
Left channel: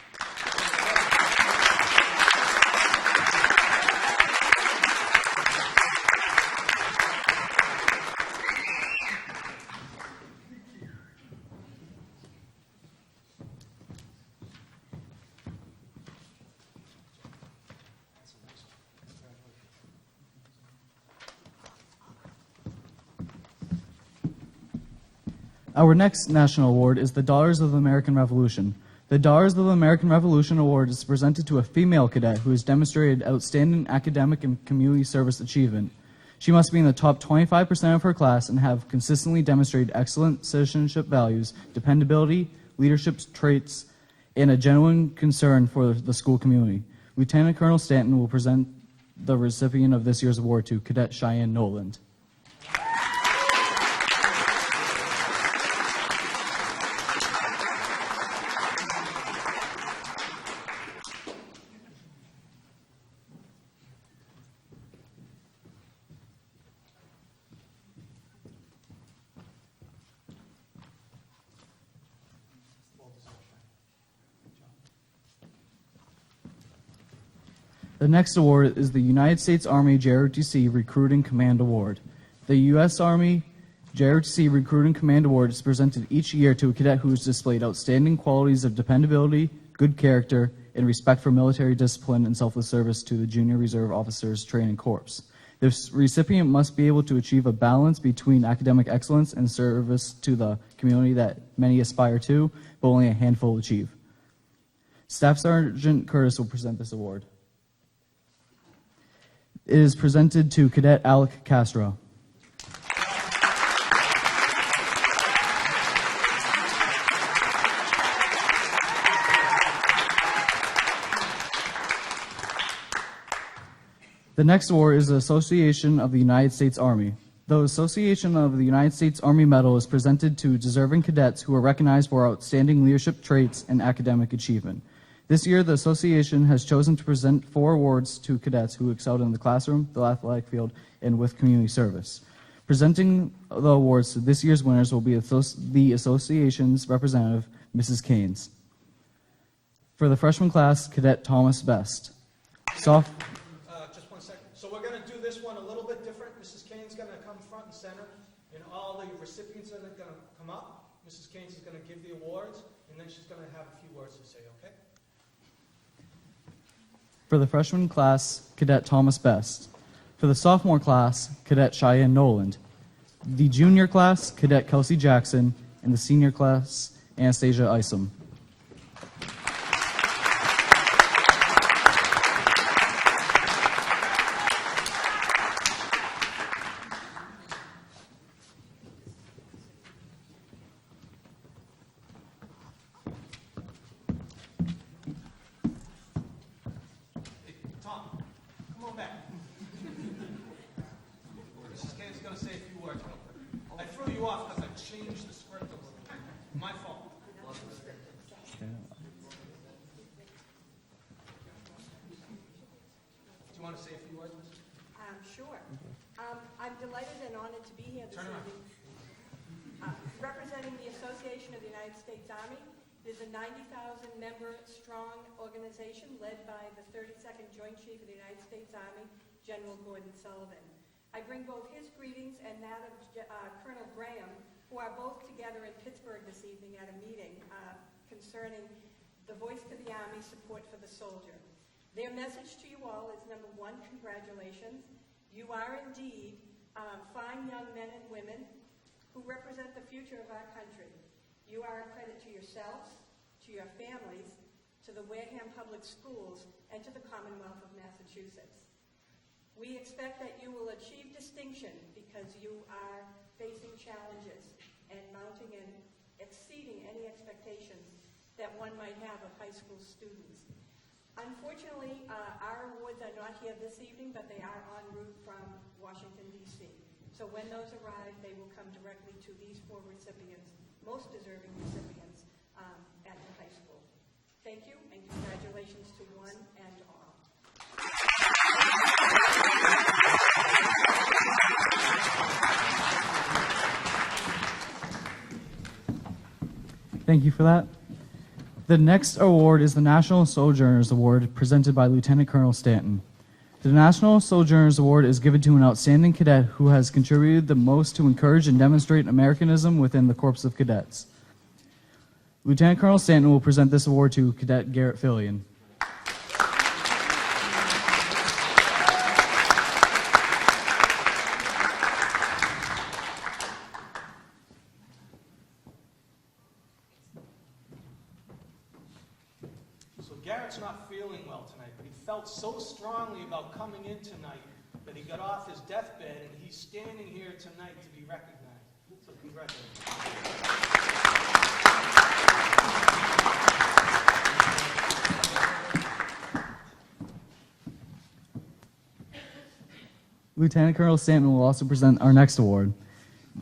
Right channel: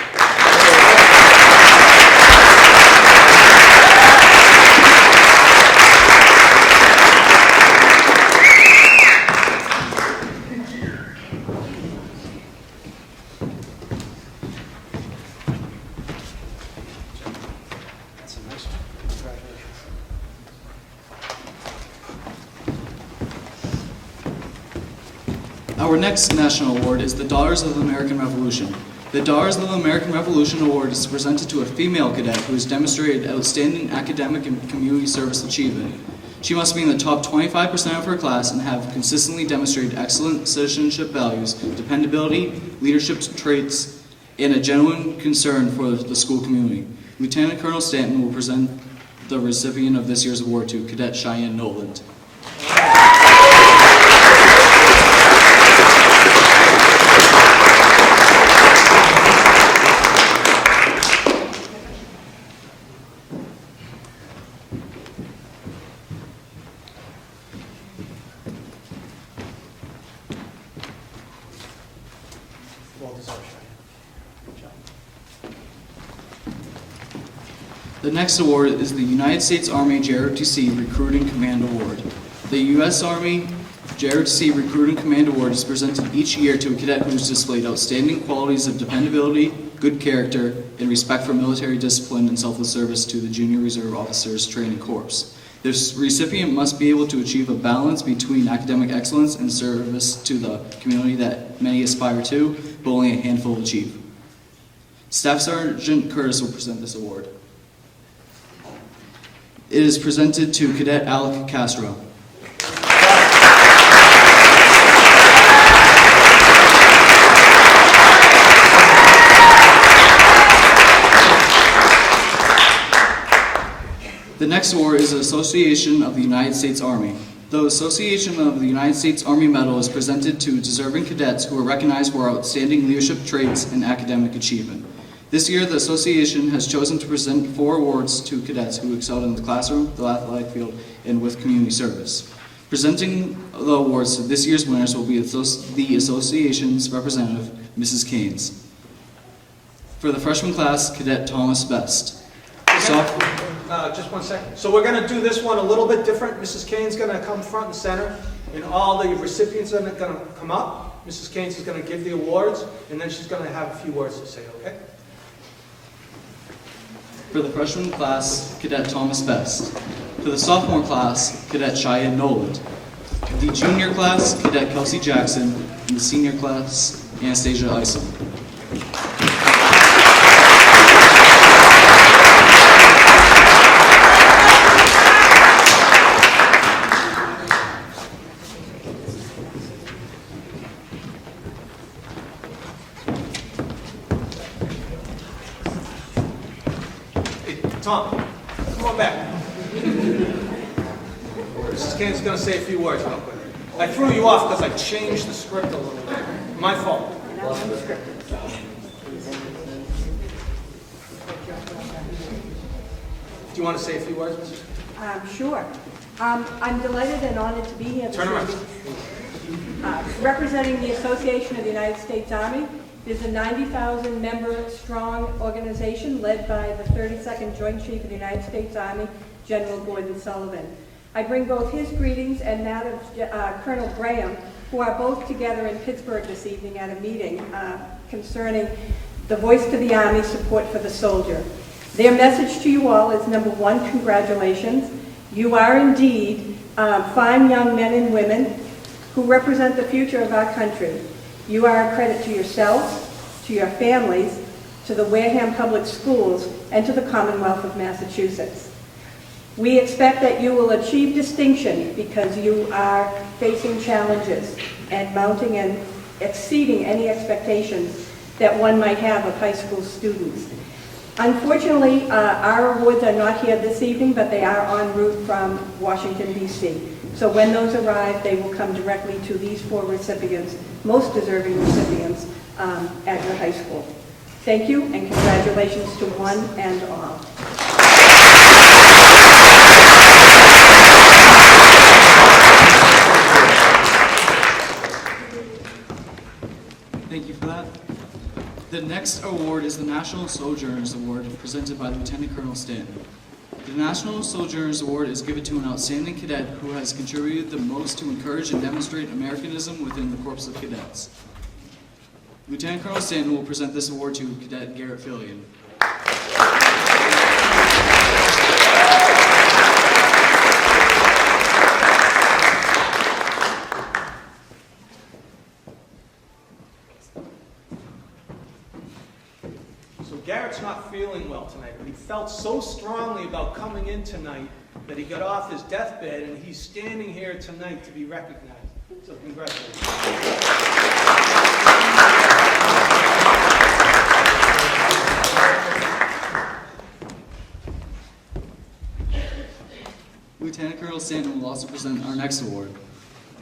That's a nice one. Congratulations. Our next national award is the Daughters of the American Revolution. The Daughters of the American Revolution Award is presented to a female cadet who has demonstrated outstanding academic and community service achievement. She must be in the top 25% of her class and have consistently demonstrated excellent citizenship values, dependability, leadership traits, and a genuine concern for the school community. Lieutenant Colonel Stanton will present the recipient of this year's award to Cadet Cheyenne Noland. Well deserved, Cheyenne. Good job. The next award is the United States Army JROTC Recruiting Command Award. The U.S. Army JROTC Recruiting Command Award is presented each year to a cadet who has displayed outstanding qualities of dependability, good character, and respect for military discipline and selfless service to the Junior Reserve Officers Training Corps. This recipient must be able to achieve a balance between academic excellence and service to the community that many aspire to, but only a handful achieve. Staff Sergeant Curtis will present this award. It is presented to Cadet Alec Castro. The next award is the Association of the United States Army. The Association of the United States Army Medal is presented to deserving cadets who are recognized for outstanding leadership traits and academic achievement. This year, the association has chosen to present 4 awards to cadets who excelled in the classroom, the athletic field, and with community service. Presenting the awards to this year's winners will be the association's representative, Mrs. Keynes. For the freshman class, Cadet Thomas Best. Just one second. So we're going to do this one a little bit different. Mrs. Kane's going to come front and center, and all the recipients are going to come up. Mrs. Keynes is going to give the awards, and then she's going to have a few words to say, okay? For the freshman class, Cadet Thomas Best. For the sophomore class, Cadet Cheyenne Noland. The junior class, Cadet Kelsey Jackson. And the senior class, Anastasia Isom. Tom, come on back. Mrs. Kane's going to say a few words real quick. I threw you off because I changed the script a little bit. My fault. Do you want to say a few words, Mrs.? Sure. I'm delighted and honored to be here this Turn around. evening, representing the Association of the United States Army. There's a 90,000-member strong organization led by the 32nd Joint Chief of the United States Army, General Gordon Sullivan. I bring both his greetings and that of Colonel Graham, who are both together in Pittsburgh this evening at a meeting concerning the Voice to the Army, support for the soldier. Their message to you all is, number one, congratulations. You are indeed fine young men and women who represent the future of our country. You are a credit to yourselves, to your families, to the Wareham Public Schools, and to the Commonwealth of Massachusetts. We expect that you will achieve distinction because you are facing challenges and mounting and exceeding any expectations that one might have of high school students. Unfortunately, our awards are not here this evening, but they are en route from Washington, D.C. So when those arrive, they will come directly to these 4 recipients, most deserving recipients at your high school. Thank you, and congratulations to one and all. Thank you for that. The next award is the National Sojourners Award, presented by Lieutenant Colonel Stanton. The National Sojourners Award is given to an outstanding cadet who has contributed the most to encourage and demonstrate Americanism within the Corps of Cadets. Lieutenant Colonel Stanton will present this award to Cadet Garrett Fillion. So Garrett's not feeling well tonight, but he felt so strongly about coming in tonight that he got off his deathbed, and he's standing here tonight to be recognized. So congratulations. Lieutenant Colonel Stanton will also present our next award.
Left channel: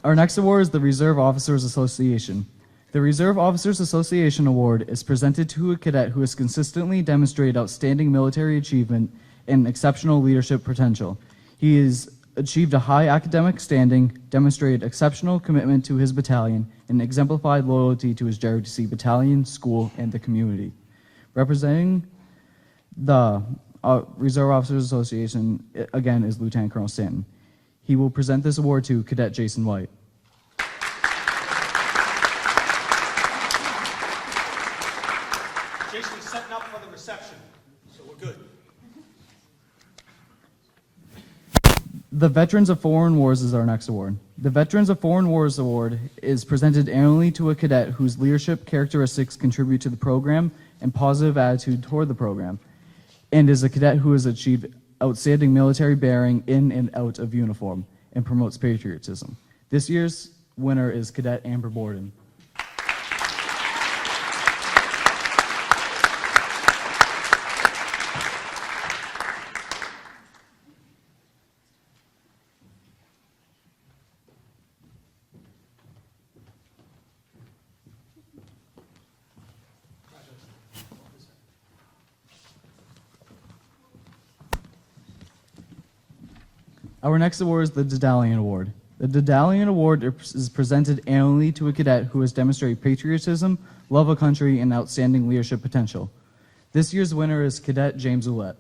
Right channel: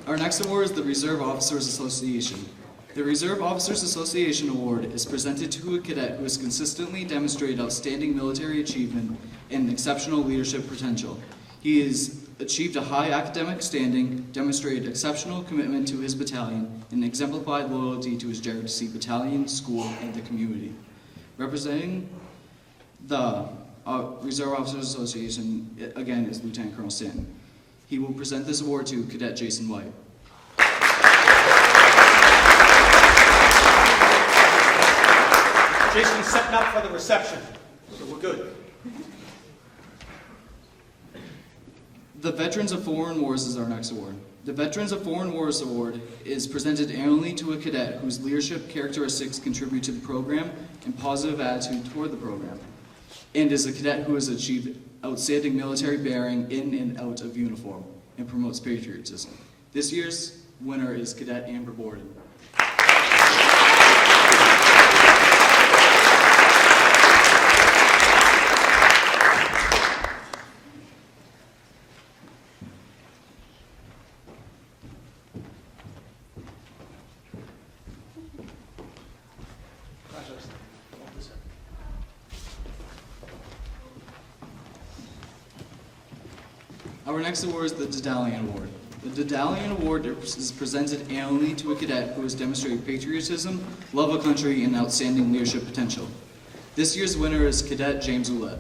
Our next award is the Reserve Officers Association. The Reserve Officers Association Award is presented to a cadet who has consistently demonstrated outstanding military achievement and exceptional leadership potential. He has achieved a high academic standing, demonstrated exceptional commitment to his battalion, and exemplified loyalty to his JROTC battalion, school, and the community. Representing the Reserve Officers Association, again, is Lieutenant Colonel Stanton. He will present this award to Cadet Jason White. Jason's setting up for the reception, so we're good. The Veterans of Foreign Wars is our next award. The Veterans of Foreign Wars Award is presented annually to a cadet whose leadership characteristics contribute to the program and positive attitude toward the program, and is a cadet who has achieved outstanding military bearing in and out of uniform and promotes patriotism. This year's winner is Cadet Amber Borden. Our next award is the Battalion Award. The Battalion Award is presented annually to a cadet who has demonstrated patriotism, love of country, and outstanding leadership potential. This year's winner is Cadet James Ouellette.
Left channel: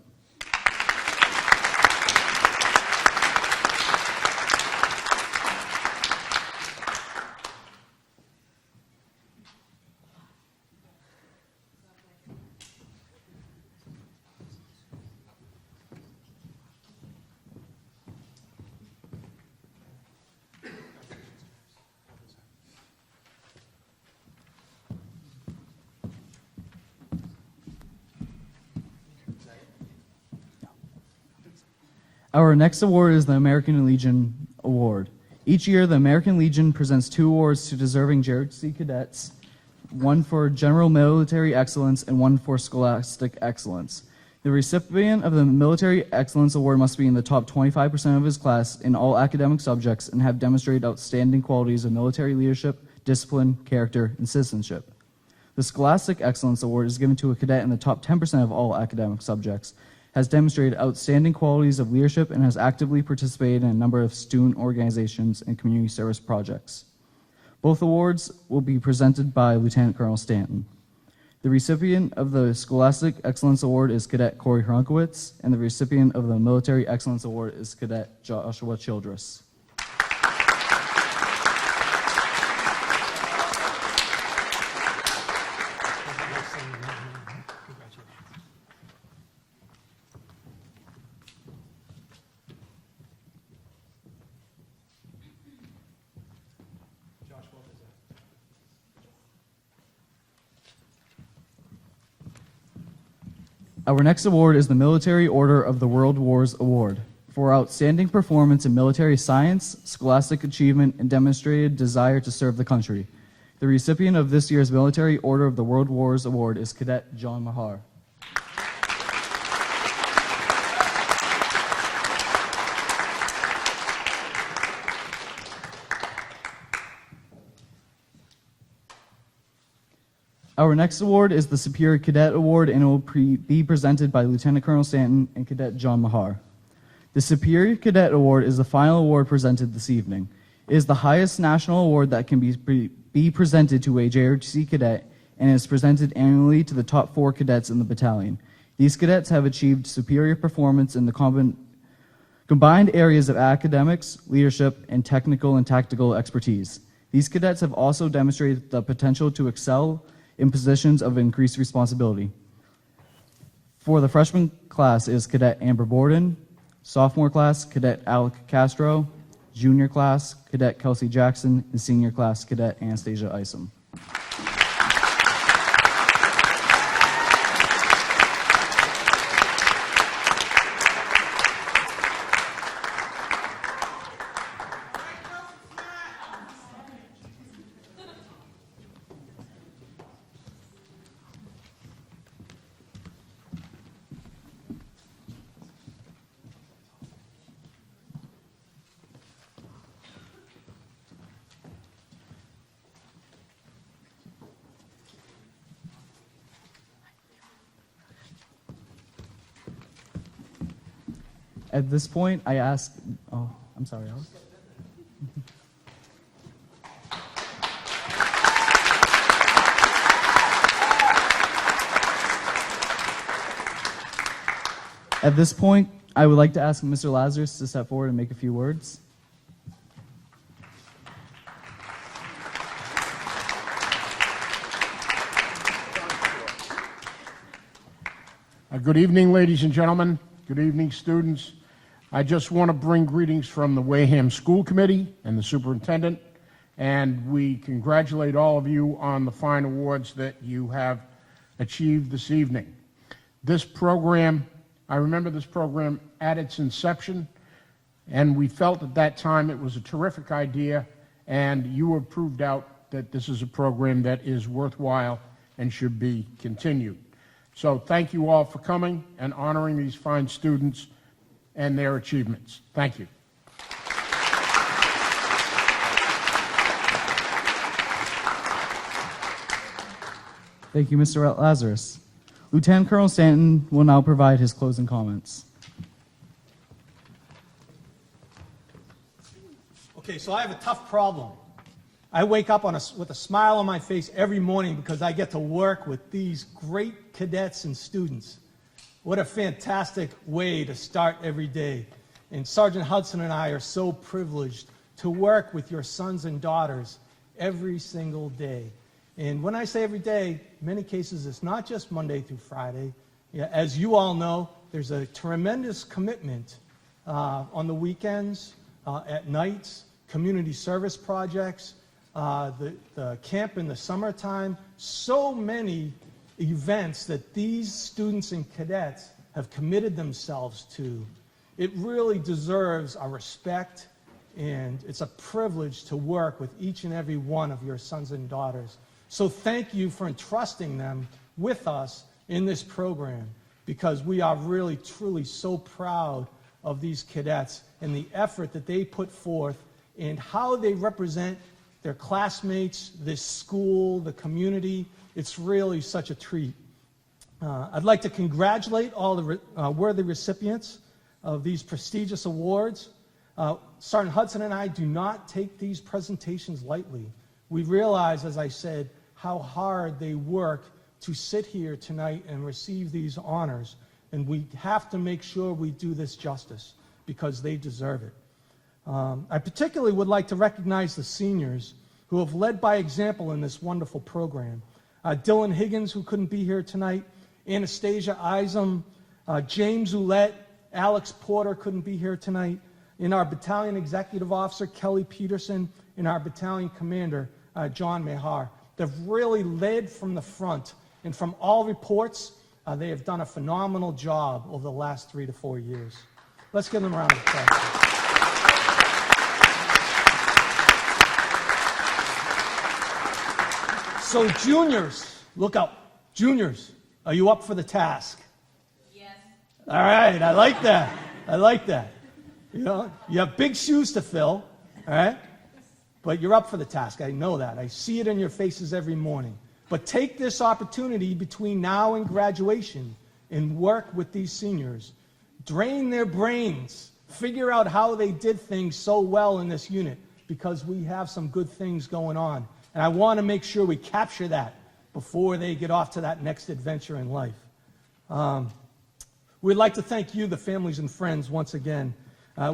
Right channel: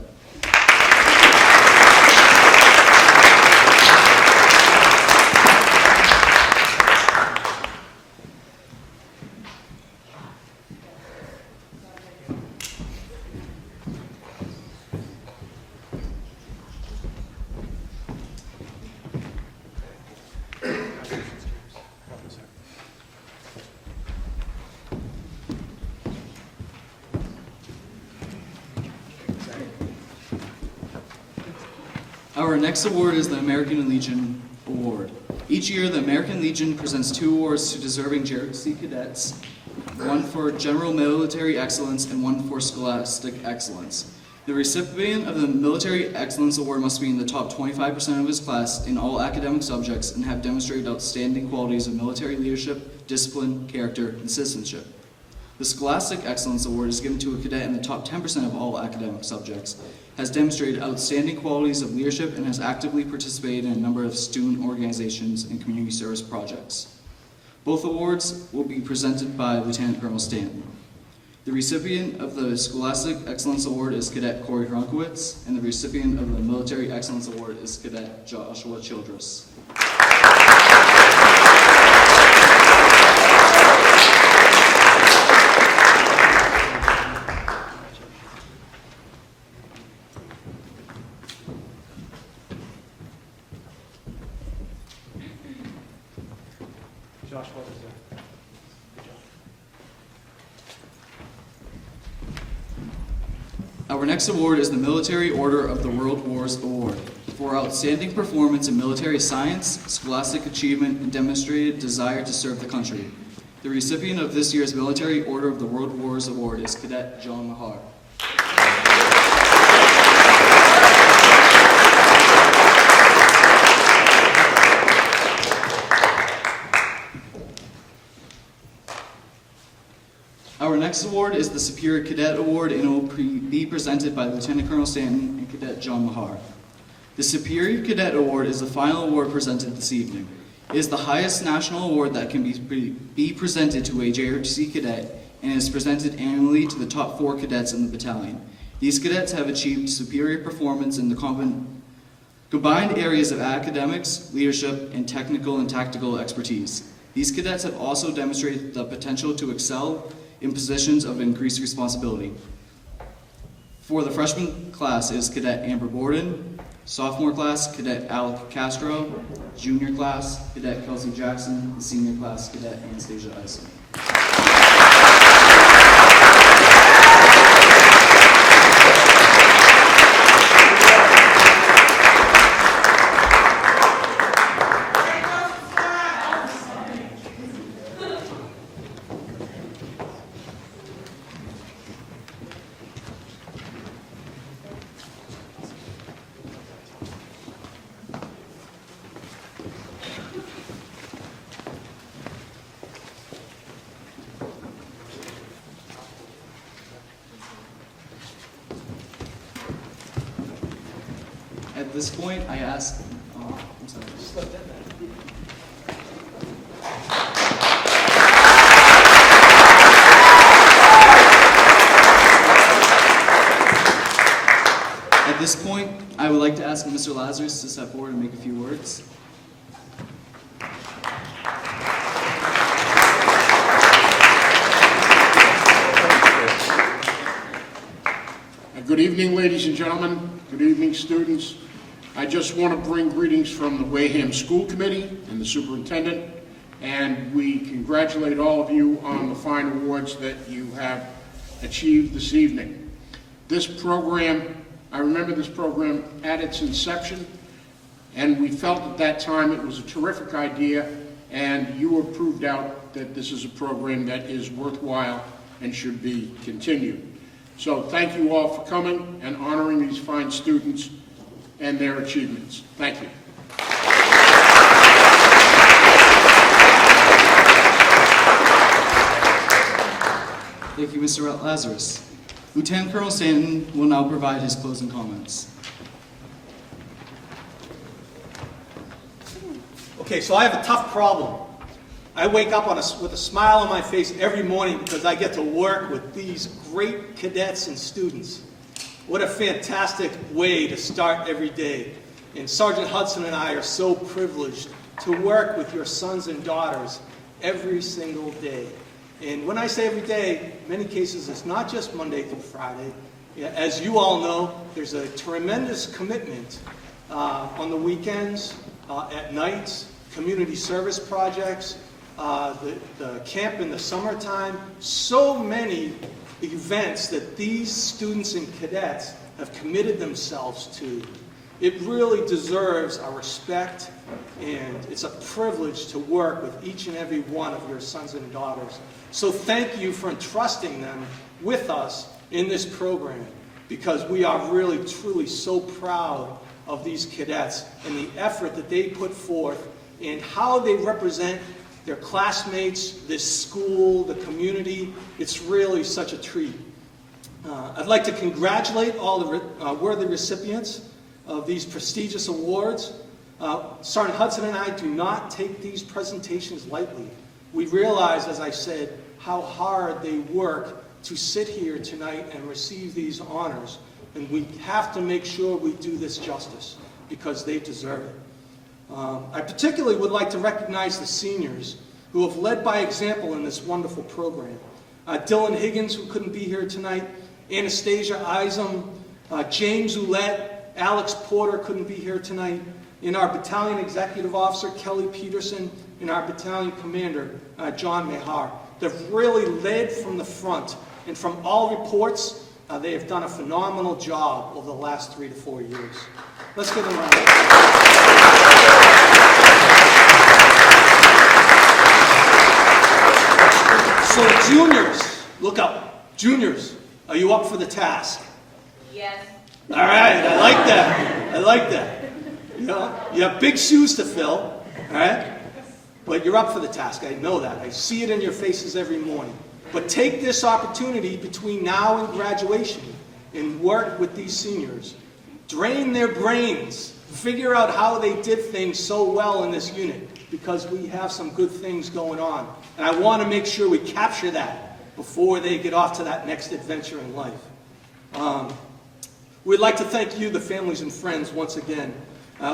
Our next award is the American Legion Award. Each year, the American Legion presents 2 awards to deserving JROTC cadets, one for general military excellence and one for scholastic excellence. The recipient of the Military Excellence Award must be in the top 25% of his class in all academic subjects and have demonstrated outstanding qualities of military leadership, discipline, character, and citizenship. The Scholastic Excellence Award is given to a cadet in the top 10% of all academic subjects, has demonstrated outstanding qualities of leadership, and has actively participated in a number of student organizations and community service projects. Both awards will be presented by Lieutenant Colonel Stanton. The recipient of the Scholastic Excellence Award is Cadet Corey Hrunkowitz, and the recipient of the Military Excellence Award is Cadet Joshua Childress. Josh, what is that? Good job. Our next award is the Military Order of the World Wars Award for outstanding performance in military science, scholastic achievement, and demonstrated desire to serve the country. The recipient of this year's Military Order of the World Wars Award is Cadet John Mahar. Our next award is the Superior Cadet Award, and it will be presented by Lieutenant Colonel Stanton and Cadet John Mahar. The Superior Cadet Award is the final award presented this evening. It is the highest national award that can be presented to a JROTC cadet and is presented annually to the top 4 cadets in the battalion. These cadets have achieved superior performance in the combined areas of academics, leadership, and technical and tactical expertise. These cadets have also demonstrated the potential to excel in positions of increased responsibility. For the freshman class is Cadet Amber Borden, sophomore class, Cadet Alec Castro, junior class, Cadet Kelsey Jackson, and senior class, Cadet Anastasia Isom. At this point, I ask, I'm sorry. At this point, I would like to ask Mr. Lazarus to step forward and make a few words. Good evening, ladies and gentlemen. Good evening, students. I just want to bring greetings from the Wareham School Committee and the superintendent, and we congratulate all of you on the fine awards that you have achieved this evening. This program, I remember this program at its inception, and we felt at that time it was a terrific idea, and you have proved out that this is a program that is worthwhile and should be continued. So thank you all for coming and honoring these fine students and their achievements. Thank you. Thank you, Mr. Lazarus. Lieutenant Colonel Stanton will now provide his closing comments. Okay, so I have a tough problem. I wake up with a smile on my face every morning because I get to work with these great cadets and students. What a fantastic way to start every day. And Sergeant Hudson and I are so privileged to work with your sons and daughters every single day. And when I say every day, in many cases it's not just Monday through Friday. As you all know, there's a tremendous commitment on the weekends, at nights, community service projects, the camp in the summertime, so many events that these students and cadets have committed themselves to. It really deserves our respect, and it's a privilege to work with each and every one of your sons and daughters. So thank you for entrusting them with us in this program, because we are really, truly so proud of these cadets and the effort that they put forth and how they represent their classmates, this school, the community. It's really such a treat. I'd like to congratulate all the worthy recipients of these prestigious awards. Sergeant Hudson and I do not take these presentations lightly. We realize, as I said, how hard they work to sit here tonight and receive these honors. And we have to make sure we do this justice because they deserve it. I particularly would like to recognize the seniors who have led by example in this wonderful program. Dylan Higgins, who couldn't be here tonight, Anastasia Isom, James Ouellette, Alex Porter couldn't be here tonight, and our battalion executive officer, Kelly Peterson, and our battalion commander, John Mehar. They've really led from the front, and from all reports, they have done a phenomenal job over the last 3 to 4 years. Let's give them a round of applause. So juniors, look up. Juniors, are you up for the task? Yes. All right, I like that. I like that. You know, you have big shoes to fill, all right? But you're up for the task. I know that. I see it in your faces every morning. But take this opportunity between now and graduation and work with these seniors. Drain their brains. Figure out how they did things so well in this unit. because we have some good things going on. And I want to make sure we capture that before they get off to that next adventure in life. We'd like to thank you, the families and friends, once again.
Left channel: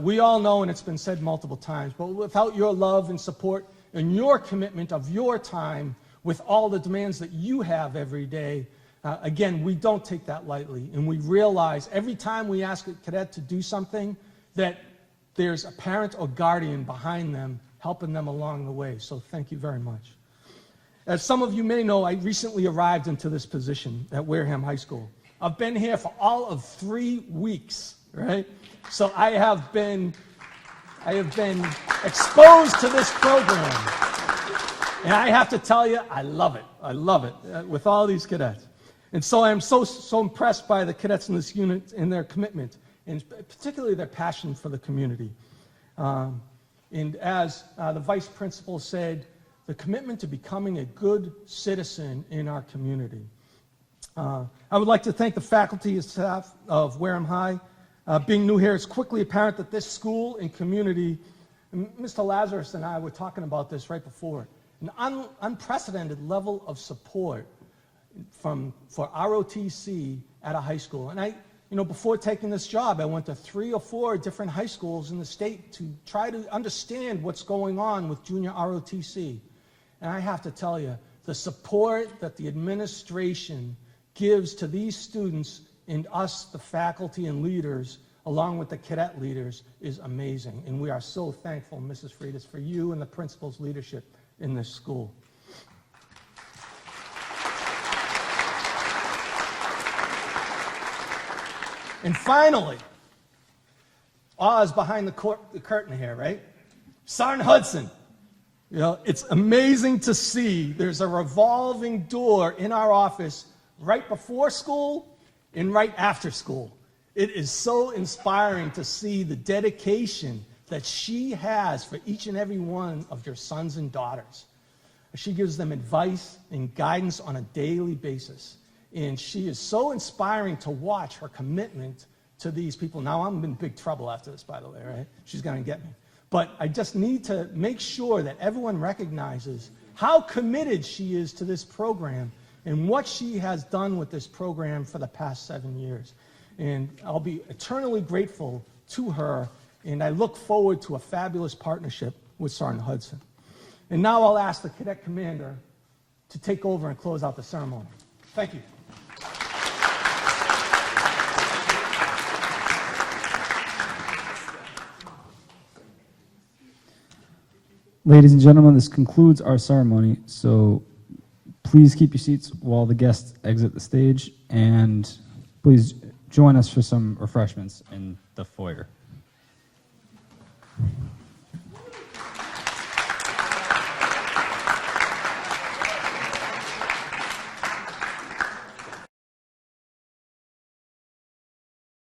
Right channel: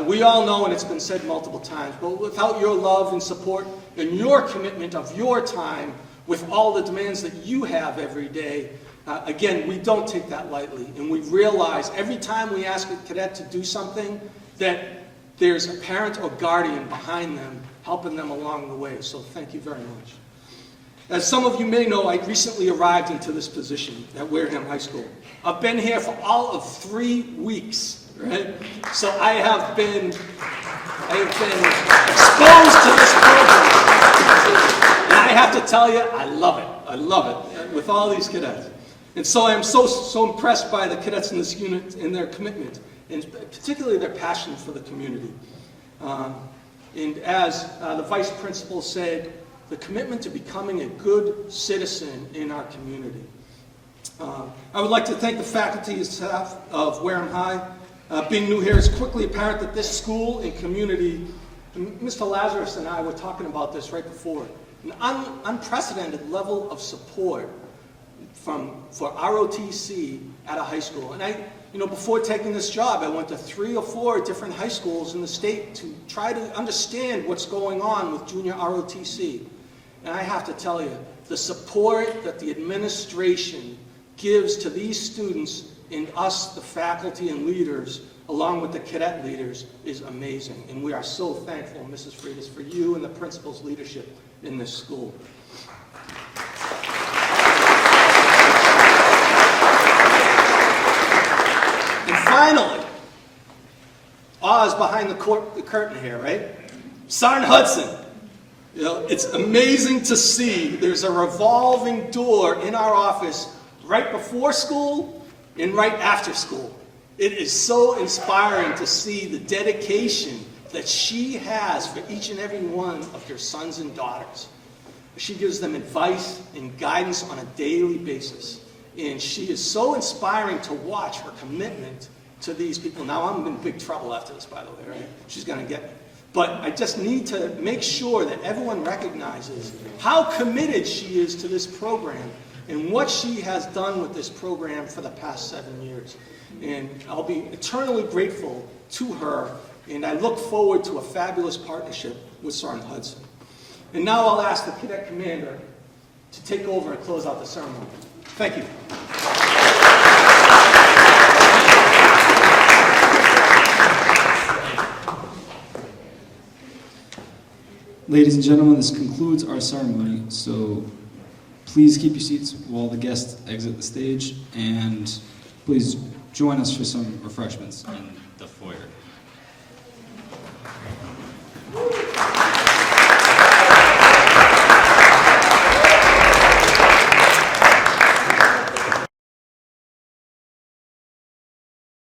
We all know, and it's been said multiple times, but without your love and support and your commitment of your time with all the demands that you have every day, again, we don't take that lightly. And we realize every time we ask a cadet to do something that there's a parent or guardian behind them helping them along the way. So thank you very much. As some of you may know, I recently arrived into this position at Wareham High School. I've been here for all of 3 weeks, right? So I have been exposed to this program. And I have to tell you, I love it. I love it with all these cadets. And so I'm so impressed by the cadets in this unit and their commitment, and particularly their passion for the community. And as the vice principal said, the commitment to becoming a good citizen in our community. I would like to thank the faculty and staff of Wareham High. Being new here, it's quickly apparent that this school and community, and Mr. Lazarus and I were talking about this right before, an unprecedented level of support for ROTC at a high school. And before taking this job, I went to 3 or 4 different high schools in the state to try to understand what's going on with junior ROTC. And I have to tell you, the support that the administration gives to these students and us, the faculty and leaders, along with the cadet leaders, is amazing. And we are so thankful, Mrs. Freitas, for you and the principal's leadership in this school. And finally, Oz behind the curtain here, right? Sergeant Hudson. It's amazing to see. There's a revolving door in our office right before school and right after school. It is so inspiring to see the dedication that she has for each and every one of her sons and daughters. She gives them advice and guidance on a daily basis. And she is so inspiring to watch her commitment to these people. Now, I'm in big trouble after this, by the way, right? She's going to get me. But I just need to make sure that everyone recognizes how committed she is to this program and what she has done with this program for the past 7 years. And I'll be eternally grateful to her, and I look forward to a fabulous partnership with Sergeant Hudson. And now I'll ask the cadet commander to take over and close out the ceremony. Thank you. Ladies and gentlemen, this concludes our ceremony, so please keep your seats while the guests exit the stage, and please join us for some refreshments in the foyer.